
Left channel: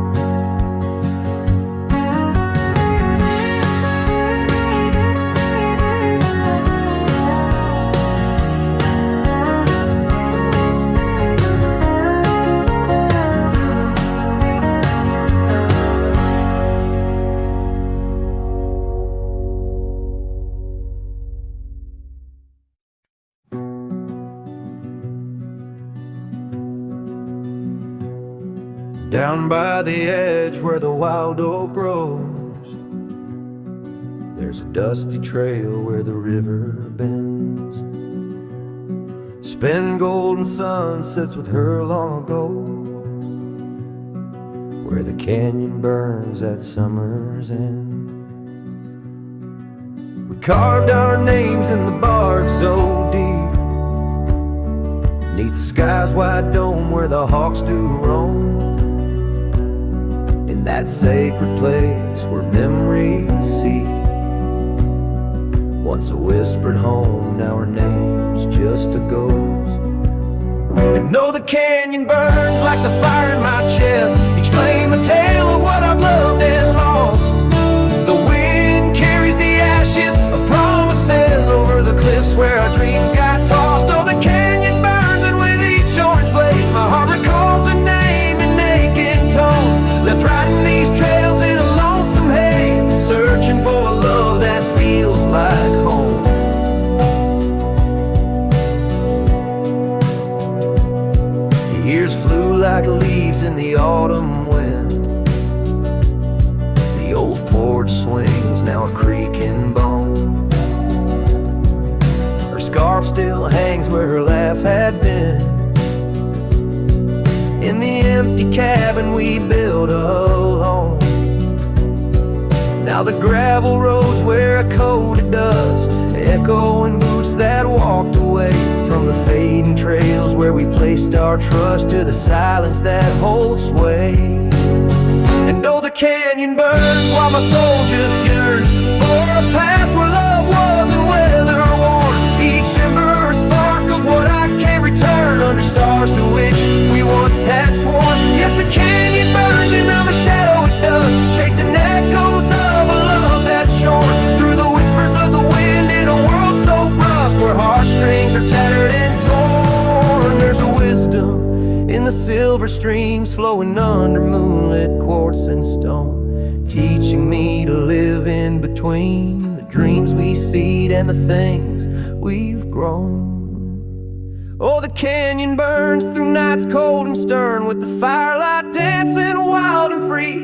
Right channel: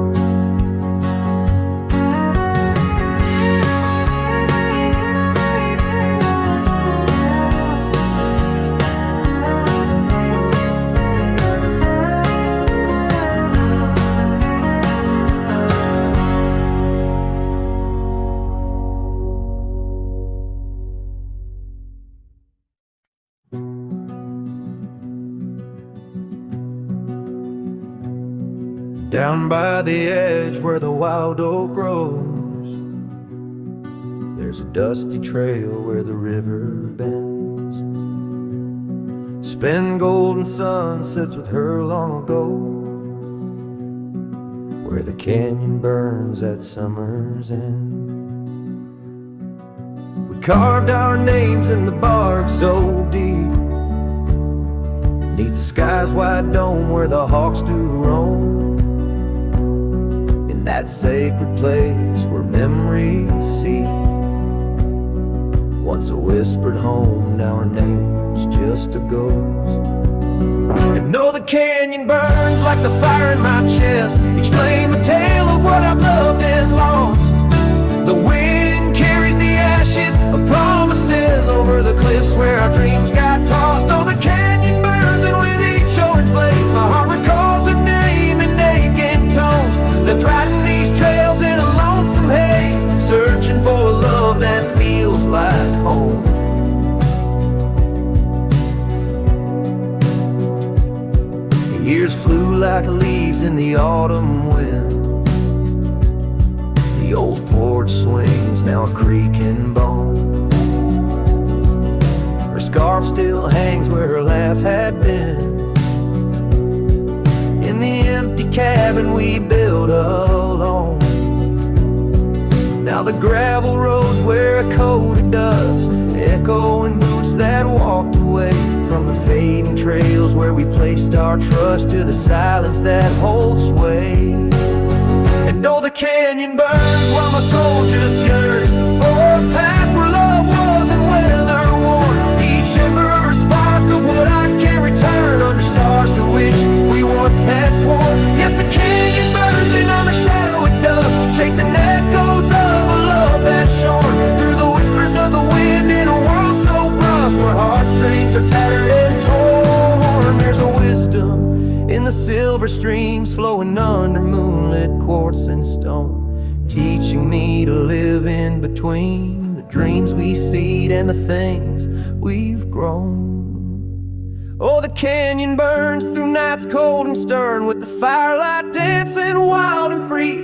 Down by the edge where the wild oak grows, there's a dusty trail where the river bends. Spend golden sunsets with her long ago, where the canyon burns at summer's end. We carved our names in the bark so deep, beneath the sky's wide dome where the hawks do roam. In that sacred place where memories seep, once a whispered home, now her name's just a ghost. And though the canyon burns like the fire in my chest, each flame a tale of what I've loved and lost. The wind carries the ashes of promises over the cliffs where our dreams got tossed. Oh, the canyon burns, and with each orange blaze my heart recalls her name in aching tones, left riding these trails in a lonesome haze, searching for a love that feels like home. The years flew like leaves in the autumn wind. The old porch swings, now a creaking bone. Her scarf still hangs where her laugh had been, in the empty cabin we built alone. Now the gravel roads wear a coat of dust, echoing boots that walked away from the fading trails where we placed our trust, to the silence that holds sway. And oh, the canyon burns while my soul just yearns for a past where love wasn't weather worn. Each ember a spark of what I can't return, under stars to which we once had sworn. Yes, the canyon burns and I'm a shadow it does, chasing echoes of a love that's shorn through the whispers of the wind in a world so brusque, where heartstrings are tattered and torn. There's a wisdom in the silver streams flowing under moonlit quartz and stone, teaching me to live in between the dreams we seed and the things we've grown. Oh, the canyon burns through nights cold and stern, with the firelight dancing wild and free.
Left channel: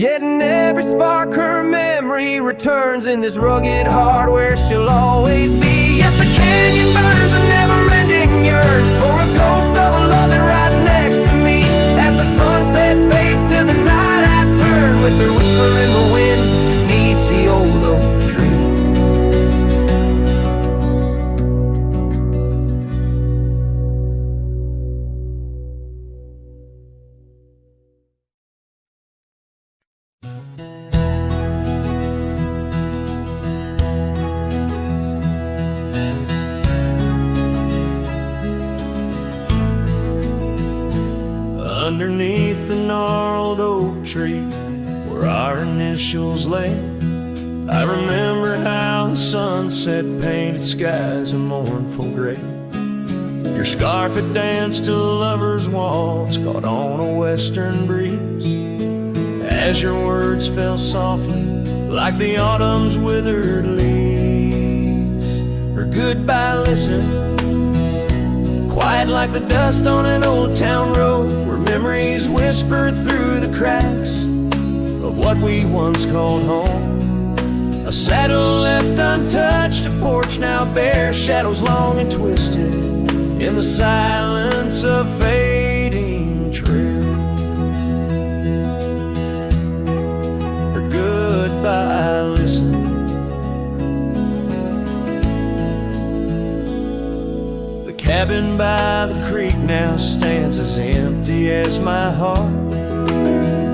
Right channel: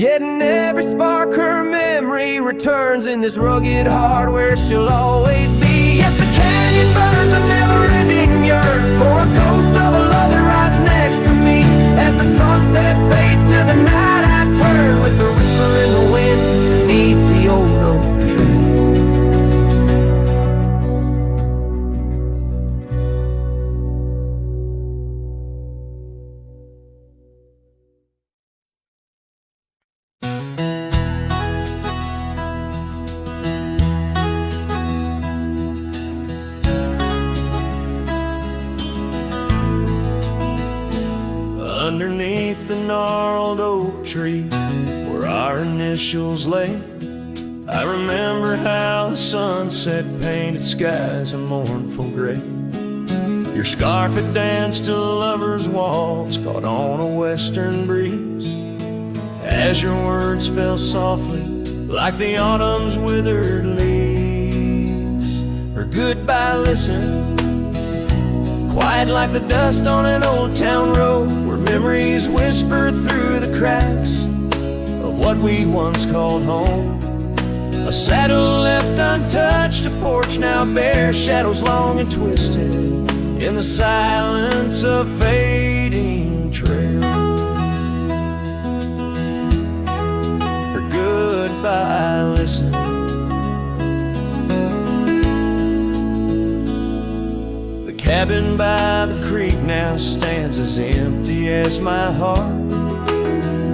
Yet in every spark her memory returns, in this rugged heart where she'll always be. Yes, the canyon burns a never-ending yearn for a ghost of a love that rides next to me. As the sunset fades to the night, I turn with her whisper in the wind neath the old oak tree. Underneath the gnarled oak tree where our initials lay, I remember how the sunset painted skies a mournful gray. Your scarf had danced a lover's waltz caught on a western breeze, as your words fell softly like the autumn's withered leaves. Her goodbye listened, quiet like the dust on an old town road, where memories whisper through the cracks of what we once called home. A saddle left untouched, a porch now bare, shadows long and twisted in the silence of fading trail. Her goodbye listened. Cabin by the creek now stands as empty as my heart.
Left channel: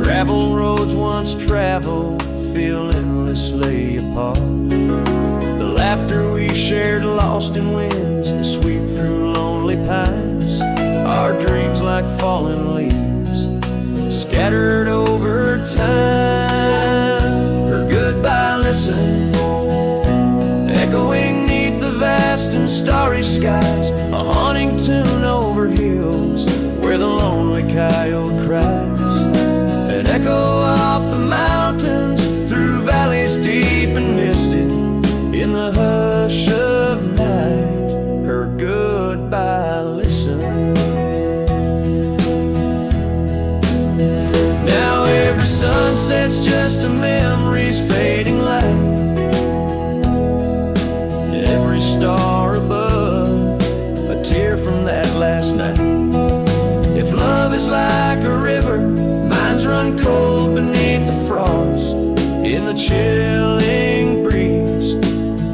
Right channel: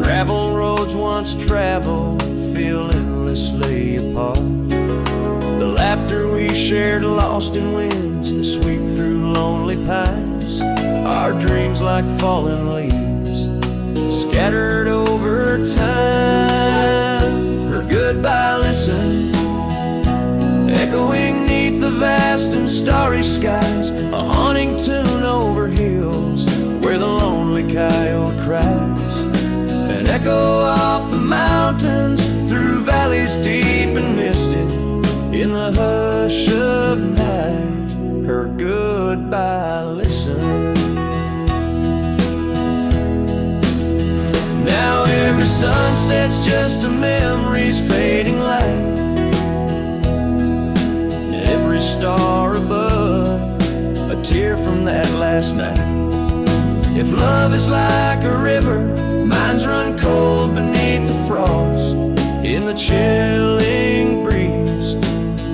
Gravel roads once traveled feel endlessly apart. The laughter we shared lost in winds that sweep through lonely pines. Our dreams like fallen leaves scattered over time. Her goodbye listened, echoing neath the vast and starry skies, a haunting tune over hills where the lonely coyote cries, an echo off the mountains through valleys deep and misted in the hush of night. Her goodbye listen. Now every sunset's just a memory's fading light, every star above a tear from that last night. If love is like a river, mine's run cold beneath the frost, in the chilling breeze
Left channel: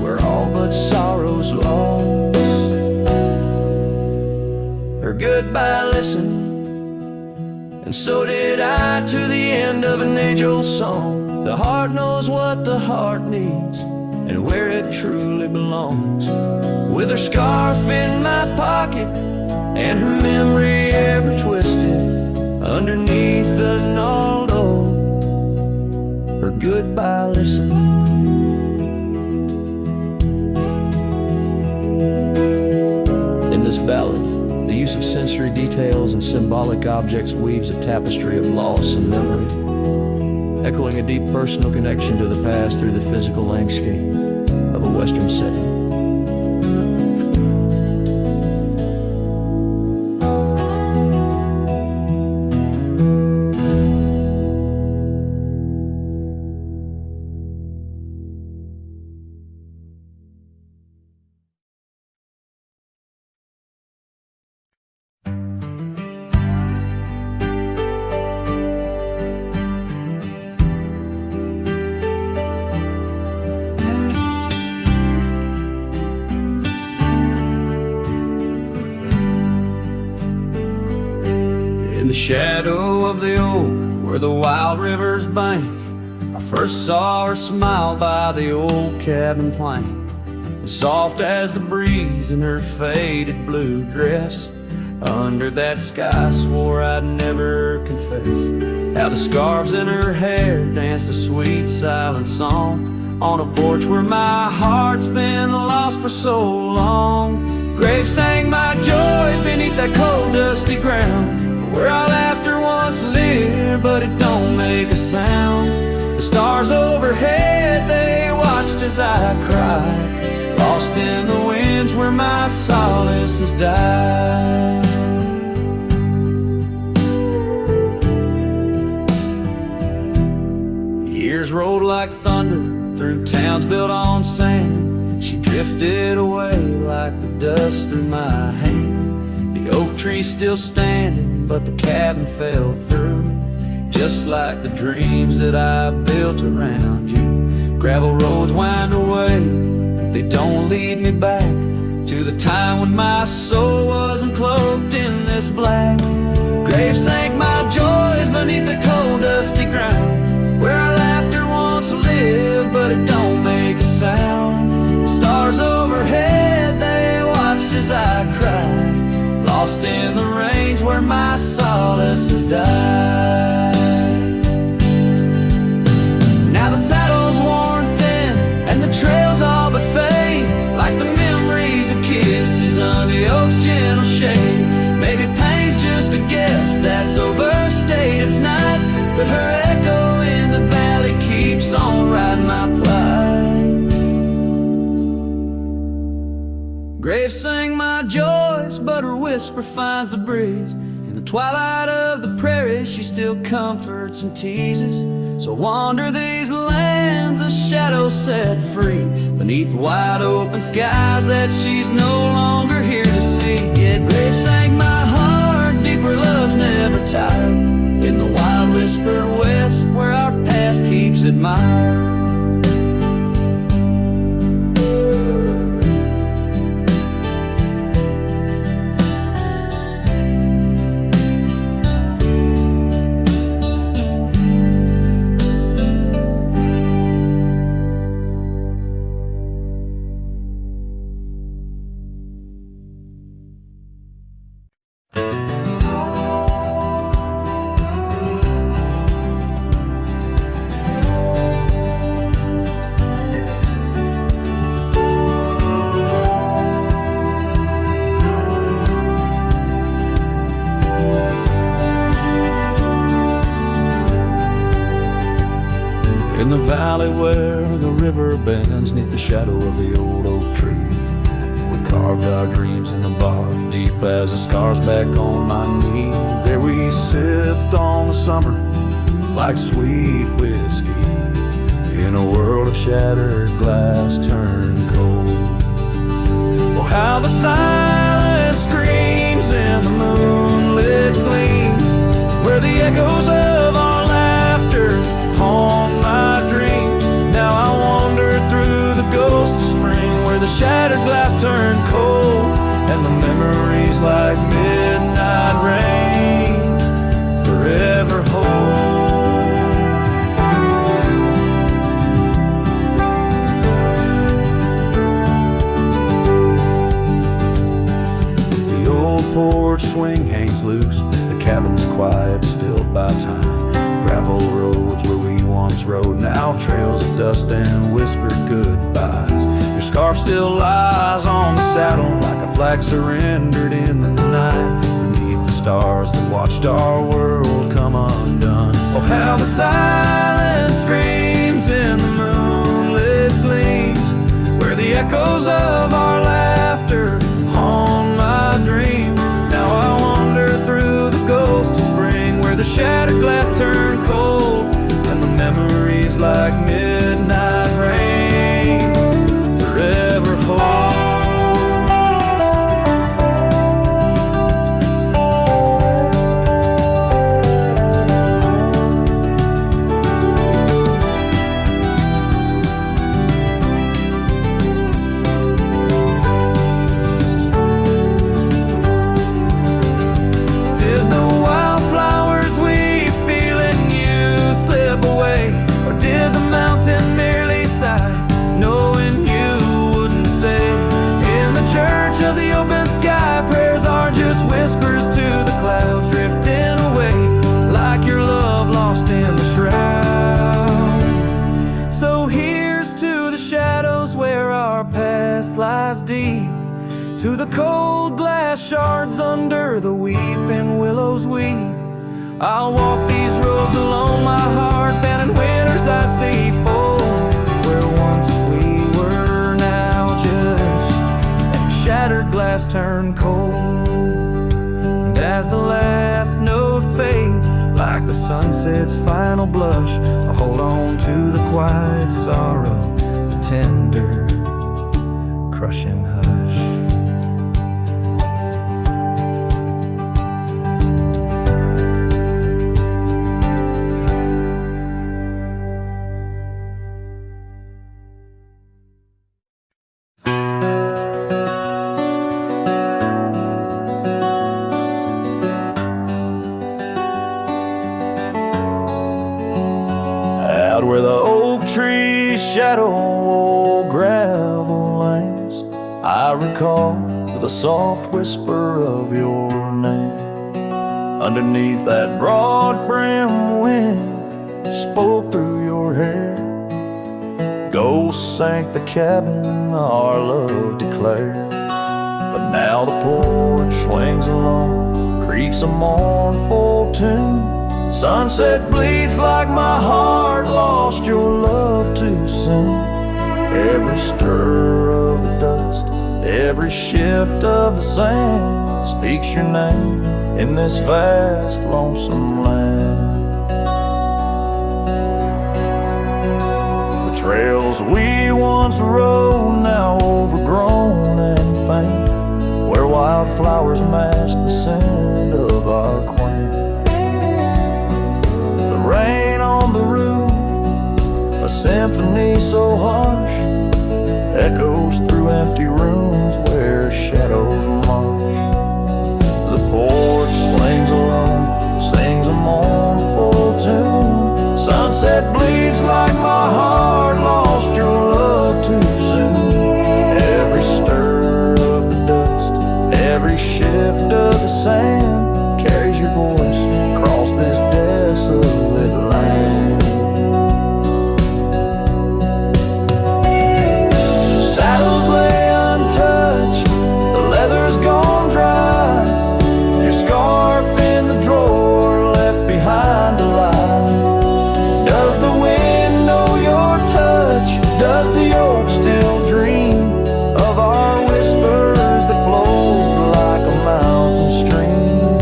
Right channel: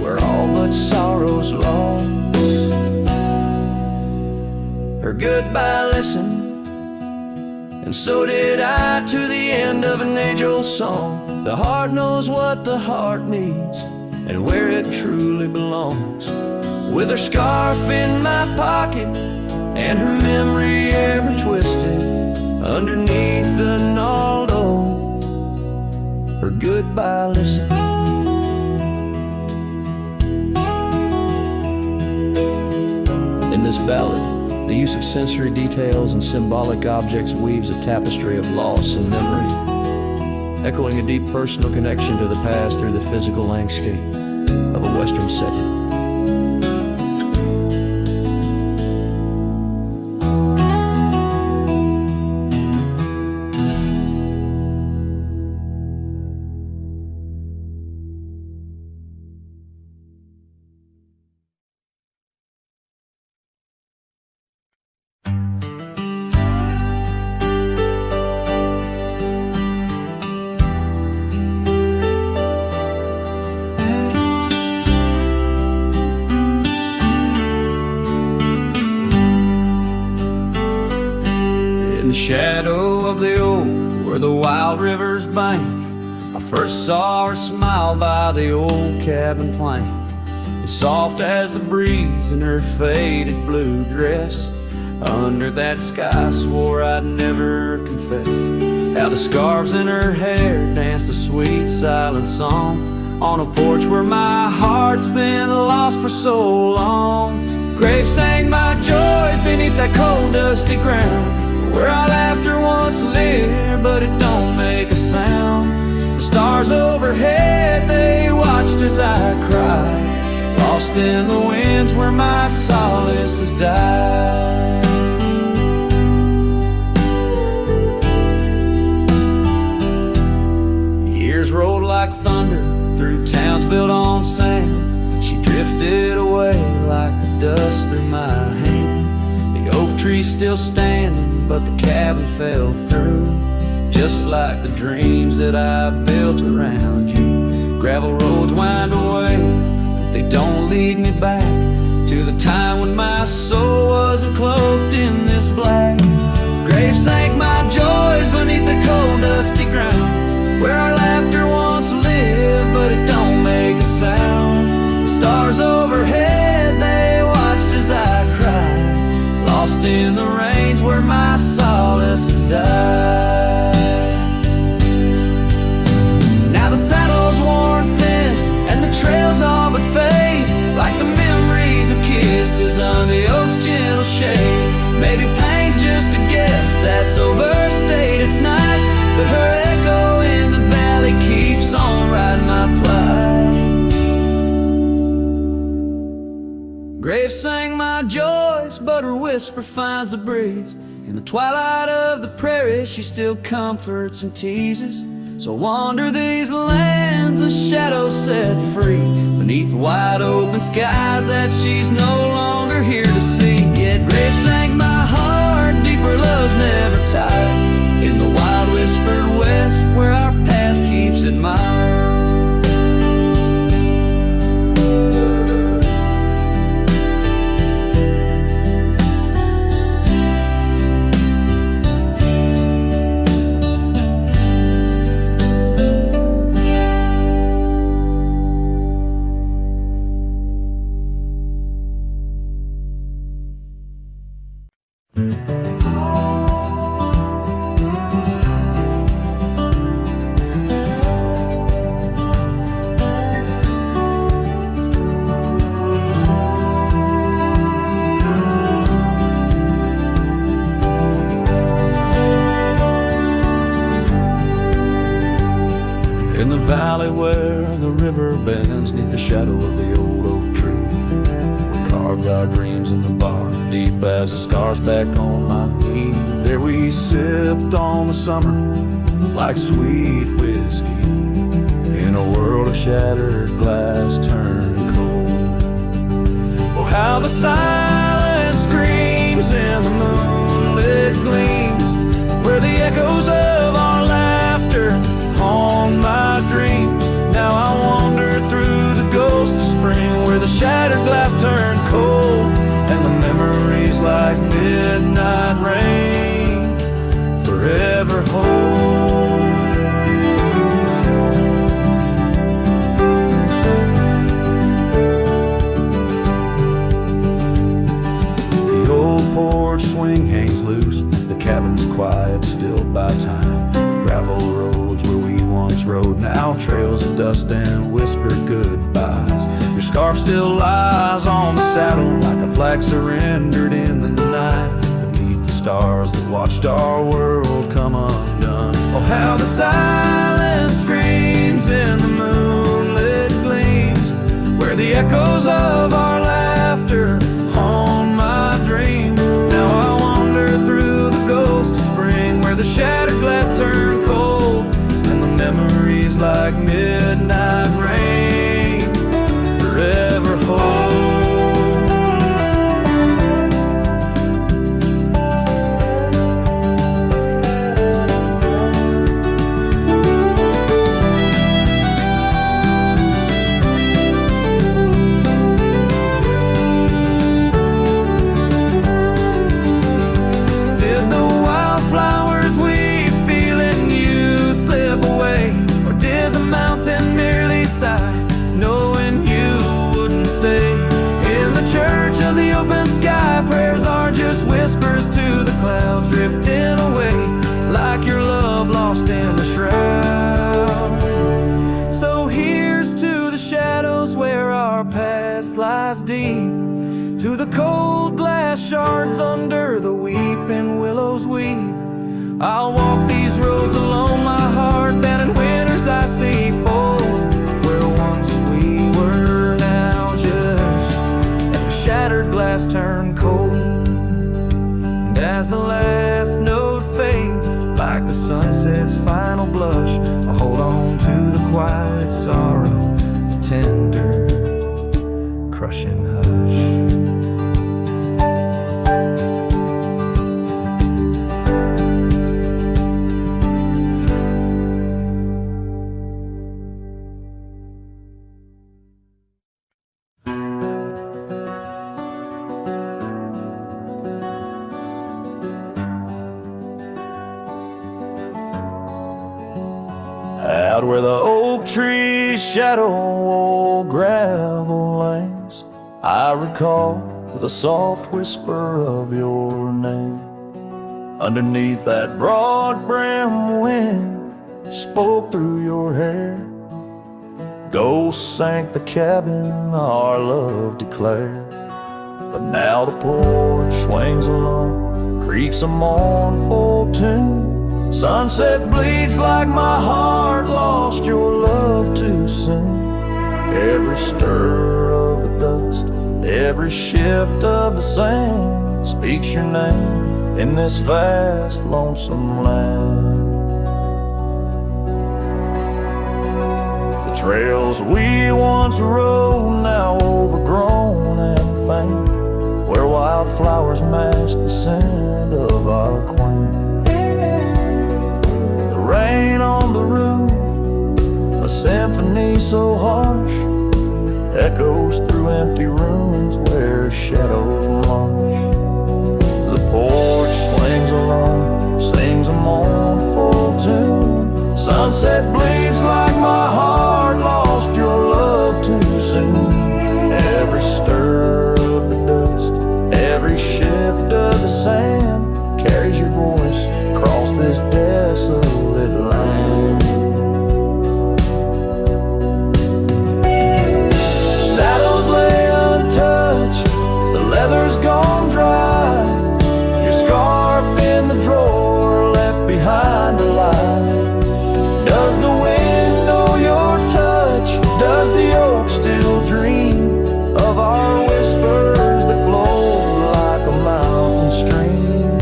where all but sorrow's lost. Her goodbye listened, and so did I to the end of an age-old song. The heart knows what the heart needs and where it truly belongs. With her scarf in my pocket and her memory ever twisted underneath the gnarled oak, her goodbye listen. In this ballad, the use of sensory details and symbolic objects weaves a tapestry of loss and memory, echoing a deep personal connection to the past through the physical landscape of a Western setting. In the shadow of the oak where the wild river's bank. I first saw her smile by the old cabin plank, as soft as the breeze in her faded blue dress. Under that sky, swore I'd never confess how the scarves in her hair danced a sweet silent song on a porch where my heart's been lost for so long. Graves sang my joys beneath that cold dusty ground, where our laughter once lived, but it don't make a sound. The stars overhead, they watched as I cried, lost in the winds where my solace has died. Years rolled like thunder through towns built on sand. She drifted away like the dust through my hand. The oak tree's still standing, but the cabin fell through, just like the dreams that I built around you. Gravel roads wind away, but they don't lead me back to the time when my soul wasn't cloaked in this black. Graves sank my joys beneath the cold dusty ground, where our laughter once lived, but it don't make a sound. The stars overhead, they watched as I cried, lost in the range where my solace has died. Now the saddle's worn thin and the trails all but fade, like the memories of kisses under the oak's gentle shade. Maybe pain's just a guess that's overstayed, it's not, but her echo in the valley keeps on riding my plight. Graves sang my joys, but her whisper finds the breeze. In the twilight of the prairie, she still comforts and teases. So wander these lands, a shadow set free, beneath wide open skies that she's no longer here to see. Yet Graves sang my heart, deeper love's never tired, in the wild whispered west where our past keeps admired. In the valley where the river bends neath the shadow of the old oak tree, we carved our dreams in the bark, deep as the scars back on my knee. There we sipped on the summer like sweet whiskey, in a world of shattered glass turned cold. Oh, how the silence screams in the moonlit gleams, where the echoes of our laughter haunt my dreams. Now I wander through the ghost of spring, where the shattered glass turned cold, and the memories like midnight rain forever hold. The old porch swing hangs loose, the cabin's quiet, stilled by time. Gravel roads where we once rode, now trails of dust and whispered goodbyes. Your scarf still lies on the saddle like a flag surrendered in the night, beneath the stars that watched our world come undone. Oh, how the silence screams in the moonlit gleams, where the echoes of our laughter haunt my dreams. Now I wander through the ghost of spring, where the shattered glass turned cold, and the memories like midnight rain forever hold. Did the wildflowers we feel in you are just whispers to the clouds, drifting away like your love lost in the shroud. So here's to the shadows where our past lies deep, to the cold glass shards under the weeping willows weep. I'll walk these roads alone, my heart bending winters I see fold, where once we were now just like a shattered glass turned cold. And as the last note fades, like the sunset's final blush, I hold on to the quiet sorrow, the tender, crushing hush. Out where the oak trees shadow old gravel lanes, I recall the soft whisper of your name. Underneath that broad brim wind spoke through your hair. Ghosts sank the cabin our love declared. But now the porch swings alone, creaks a mournful tune. Sunset bleeds like my heart lost your love too soon. Every stir of the dust, every shift of the sand speaks your name in this vast lonesome land. The trails we once rode now overgrown and faint, where wildflowers match the scent of our quaint. Rain on the roof, a symphony so harsh, echoes through empty rooms where shadows march. The porch swings alone, sings a mournful tune. Sunset bleeds like my heart lost your love too soon. Every stir of the dust, every shift of the sand carries your voice across this desolate land. Saddles lay untouched, the leather's gone dry, your scarf in the drawer left behind to lie. Does the wind know your touch? Does the oak still dream of our whispers that flowed like a mountain stream?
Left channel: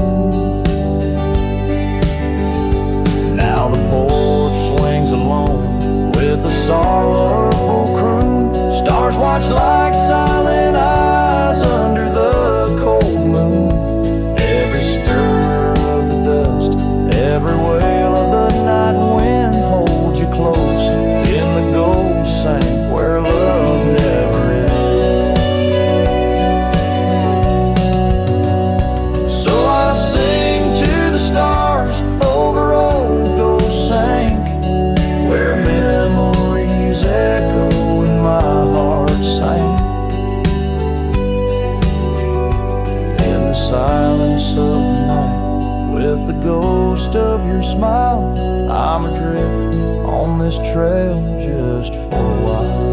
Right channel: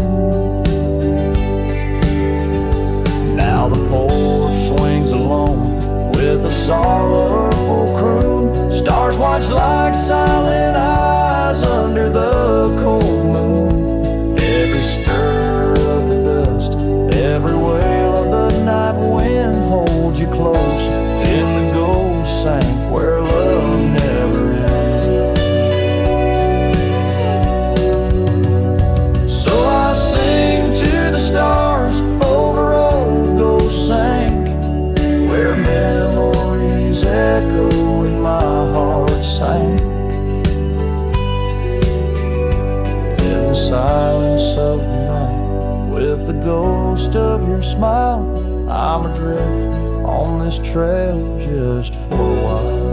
Now the porch swings alone with a sorrowful croon. Stars watch like silent eyes under the cold moon. Every stir of the dust, every wail of the night wind holds you close in the gold sank where love never ends. So I sing to the stars over old ghost sank, where memories echo and my heart sank. In the silence of the night, with the ghost of your smile, I'm adrift on this trail just for a while.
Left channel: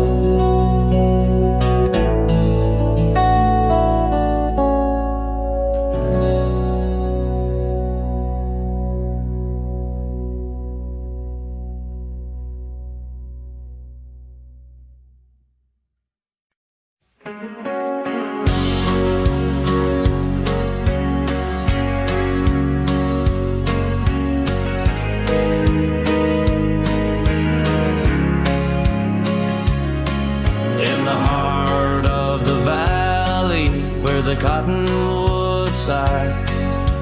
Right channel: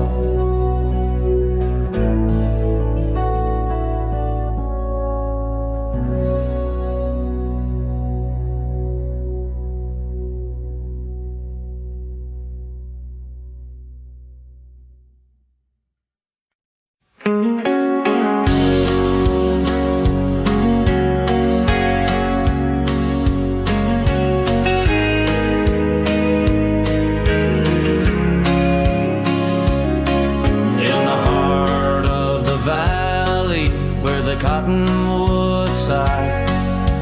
The cottonwood side,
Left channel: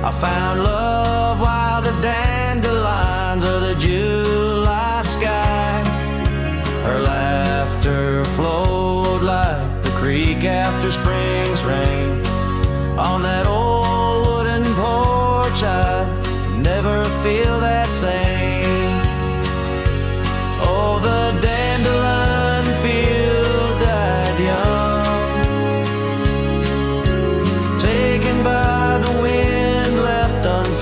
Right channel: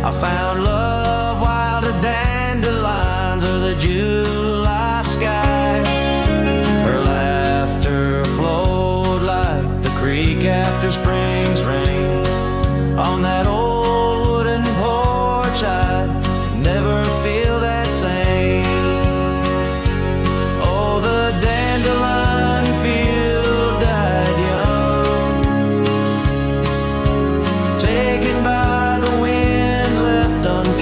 I found love wild as dandelions or the July sky. Her laughter flowed like the creek after spring's rain. On that old wooden porch I'd never feel that same. Oh, the dandelion field died young, taken by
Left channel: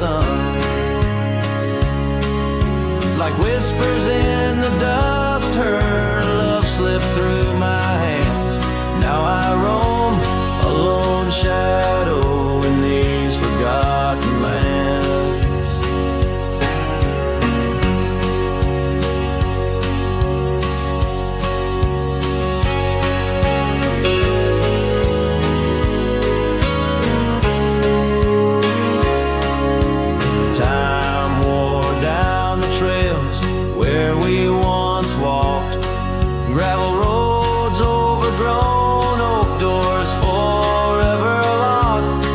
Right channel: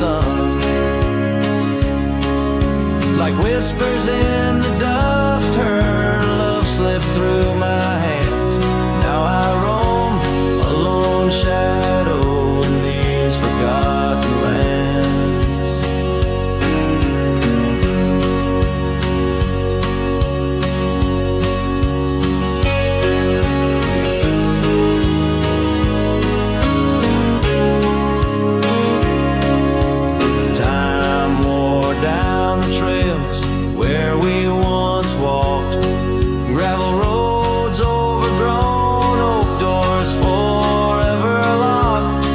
sun. Like whispers in the dust, her love slipped through my hands. Now I roam a lone shadow in these forgotten lands. Time wore down the trails where we once walked, gravel roads overgrown, oak doors forever locked.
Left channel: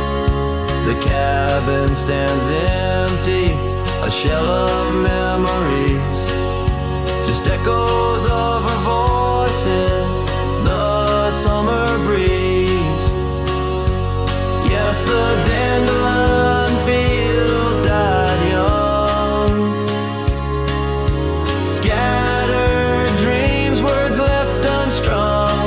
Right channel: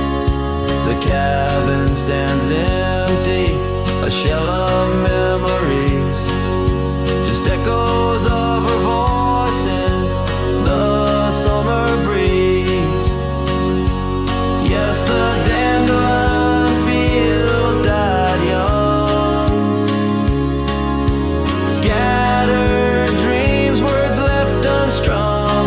The cabin stands empty, a shell of memories, just echoes of her voice in the summer breeze. Yes, the dandelion field died young. Scattered dreams, words left unstrung.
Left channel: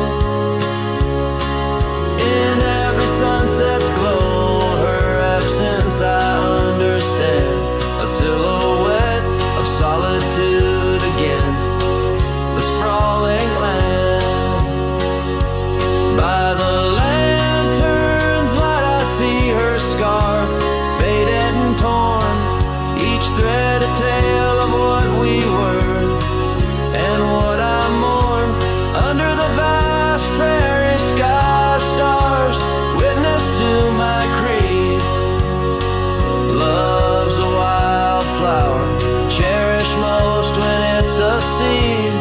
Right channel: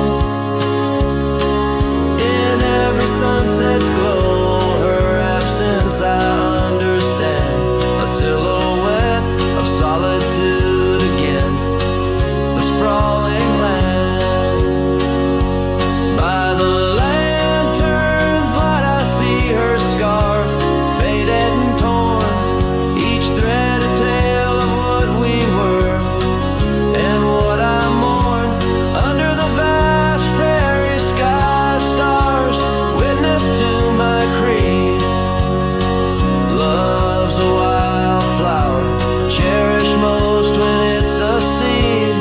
In every sunset's glow, her absence I understand. A silhouette of solitude against the sprawling land. By the lantern's light I see her scarf, faded and torn, each thread a tale of what we were and what I mourn. Under the vast prairie sky, stars witness to my creed. Love's a wildflower, cherished most when it's a seed.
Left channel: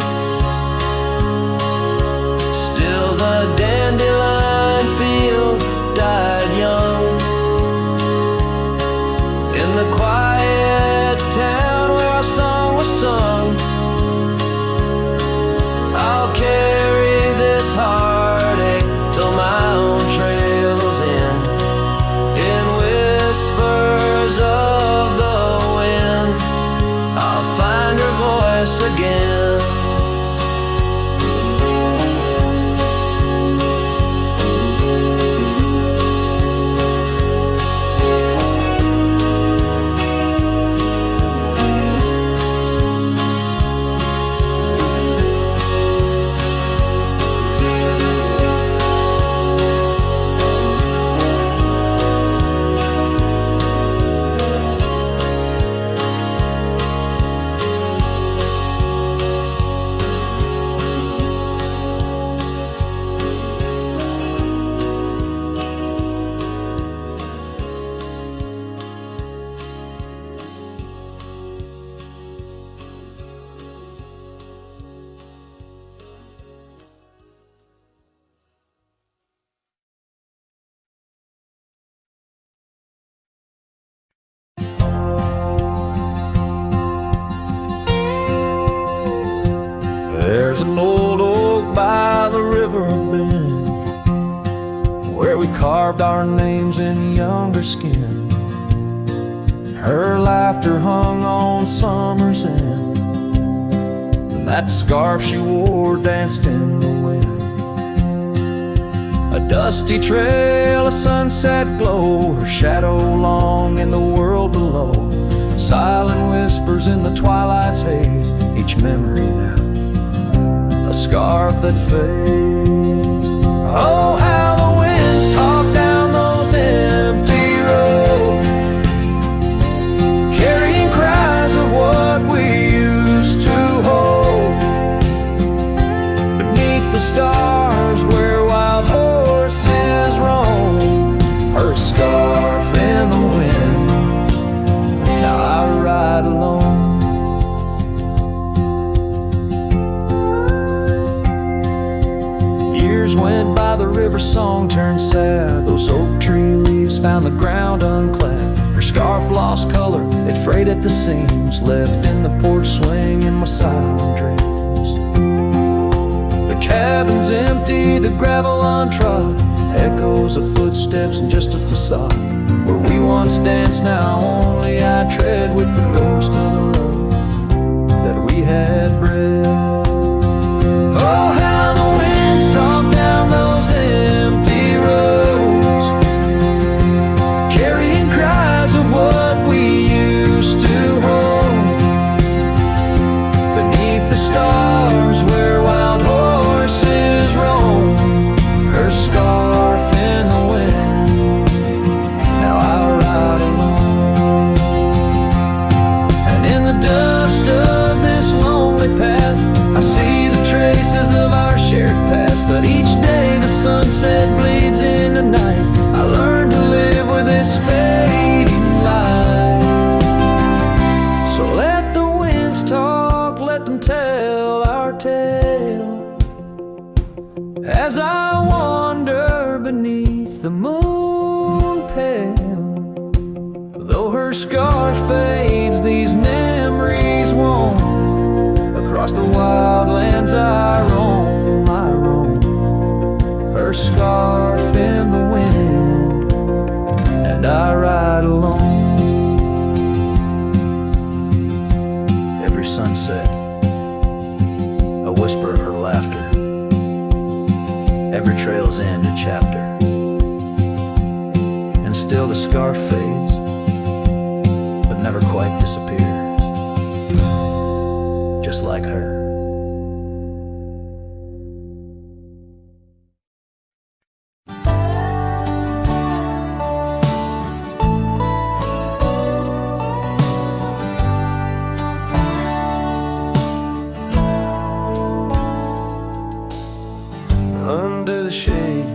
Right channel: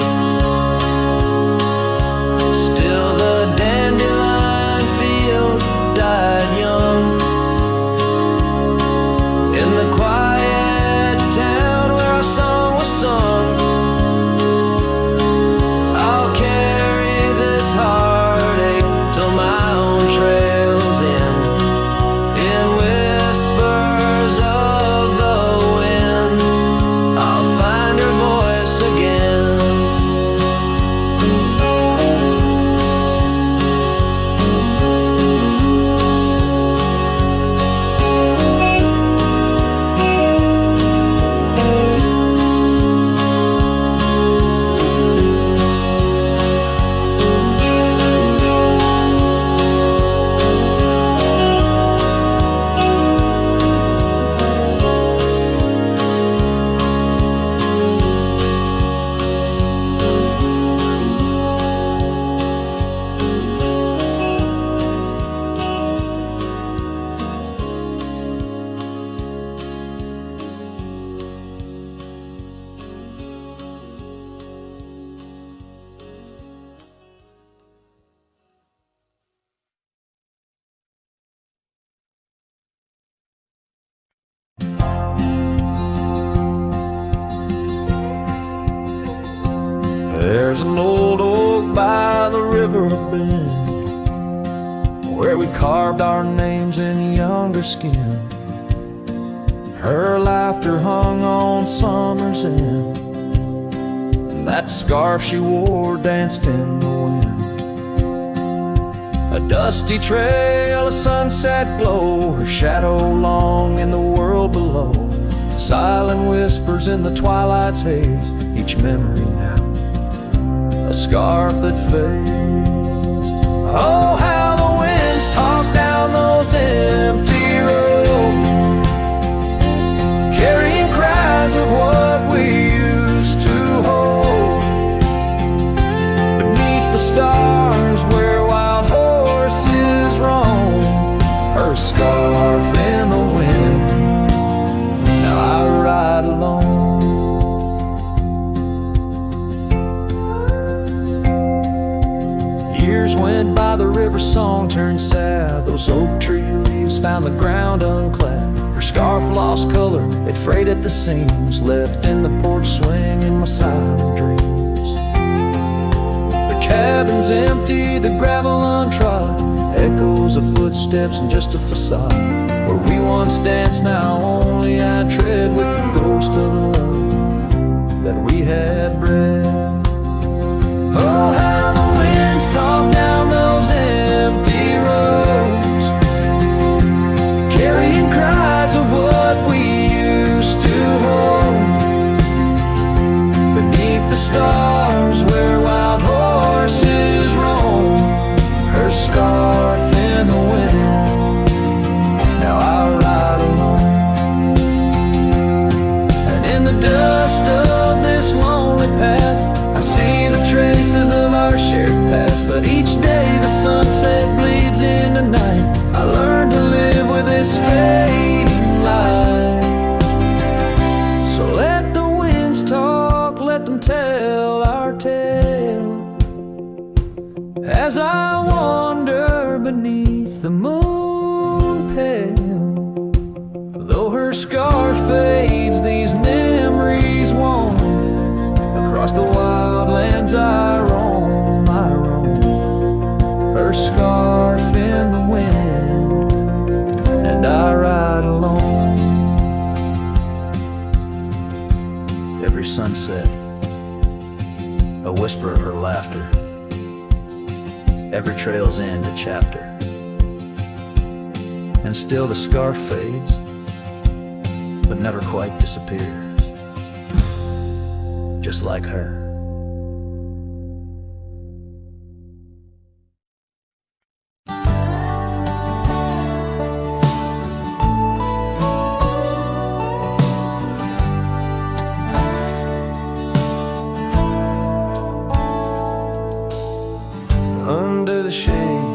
Still the dandelion field died young. In the quiet town where our song was sung, I'll carry this heartache till my own trails end. In whispers of the wind, I'll find her voice again. There's an old oak by the river bend where we carved our names in younger skin. Her laughter hung on summer's end, and that scarf she wore danced in the wind. A dusty trail, a sunset glow, her shadow long in the world below. Silent whispers in the twilight's haze, each memory now a scarf that fades. Oh, how the winds talk down those empty roads, carrying cries of what we used to hold. Beneath the stars where wild horses roam, her scarf in the wind, now I ride alone. Years went by, the river song turned sad. Those oak tree leaves found the ground unclad. Her scarf lost color, it frayed at the seams, left in the porch swing in my silent dreams. The cabin's empty, the gravel untrod, echoes of footsteps and just a facade. Where we once danced, now only I tread with the ghost of the love that we had bred. Oh, how the winds talk down those empty roads, carrying cries of what we scarf in the wind. Now I ride alone, and in the dust of this lonely path I see the traces of our shared past. But each day the sunset bleeds into night. I learn to live with this fading light. So let the winds talk, let them tell our tale, as I wander beneath the moon pale. Though her scar fades, these memories won't. Across the wild lands I roam, her scarf in the wind, and I ride alone. Every sunset, a whisper of her laughter. Every trail's end a chapter, and still the scarf fades, but never quite disappears, just like her. Under the shade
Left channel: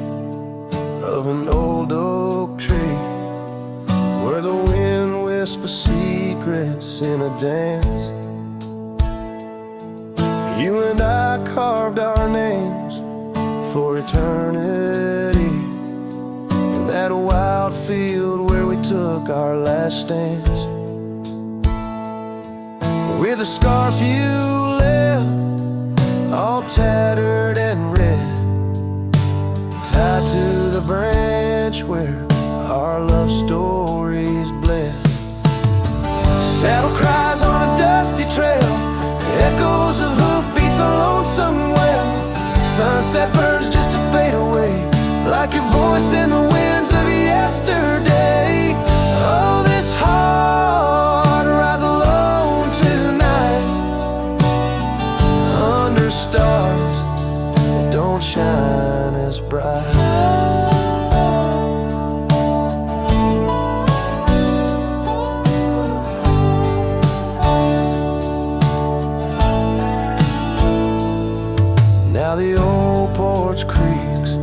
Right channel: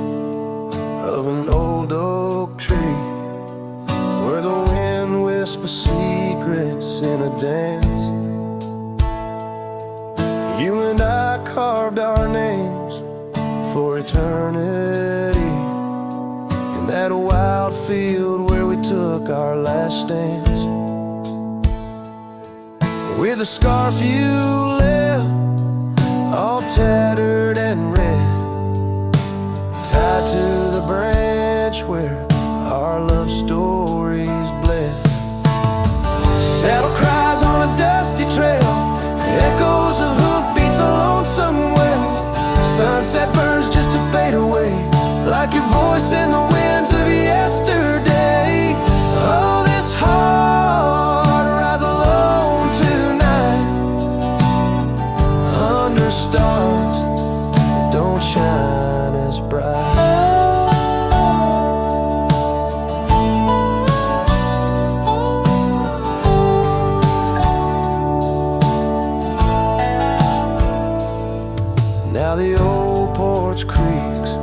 of an old oak tree, where the wind whispers secrets in a dance, you and I carved our names for eternity, in that wild field where we took our last stance. With a scarf you left, all tattered and red, tied to the branch where our love stories bled. Saddle cries on a dusty trail, echoes of hoofbeats, a lonesome wail. Sunset burns just to fade away, like your voice in the winds of yesterday. Oh, this heart rides alone tonight, under stars that don't shine as bright. Now the old porch creaks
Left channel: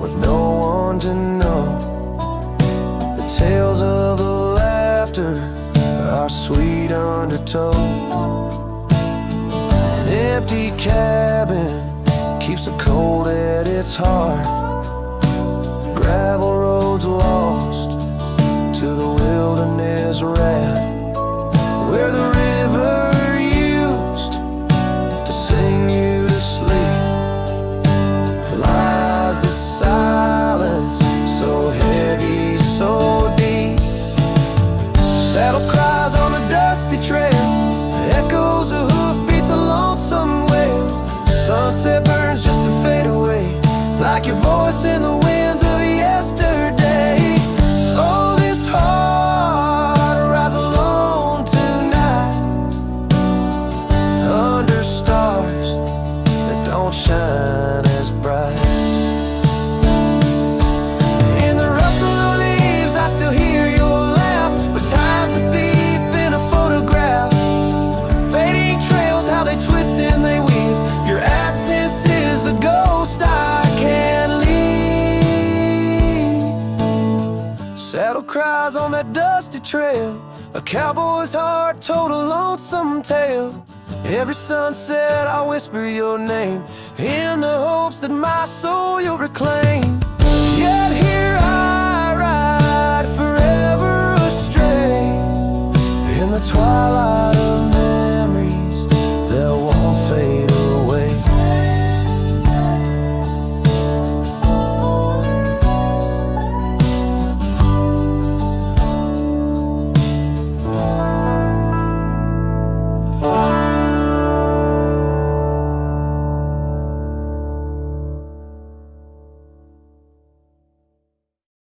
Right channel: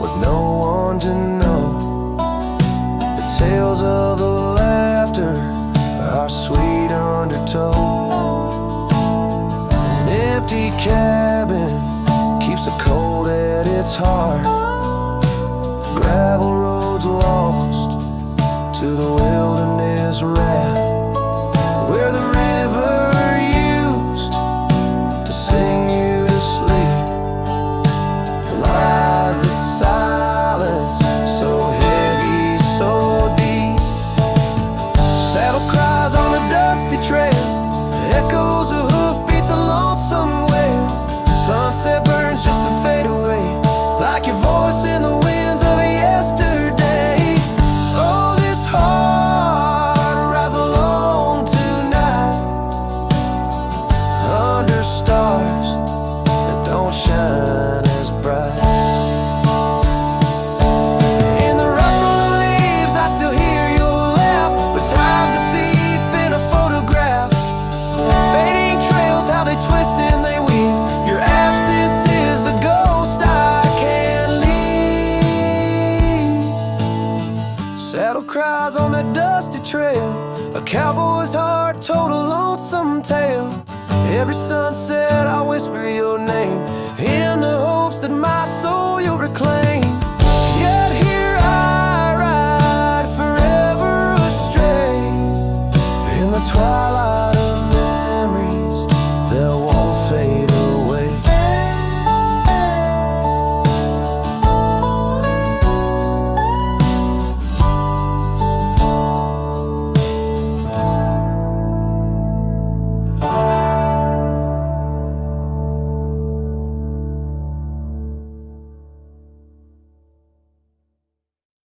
with no one to know. The tales of the laughter are sweet undertow. An empty cabin keeps the cold at its heart. Gravel roads lost to the wilderness wrath, where the river used to sing you to sleep. Lies the silence, so heavy, so deep. Saddle cries on a dusty trail, echoes of hoofbeats, a lonesome wail. Sunset burns just to fade away, like your voice in the winds of yesterday. Oh, this heart rides alone tonight, under stars that don't shine as bright. In the rustle of leaves I still hear your laugh, but time's a thief in a photograph. Fading trails, how they twist and they weave. Your absence is the ghost I can't leave. Saddle cries on that dusty trail, a cowboy's heart told a lonesome tale. Every sunset I whisper your name, in the hopes that my soul you'll reclaim.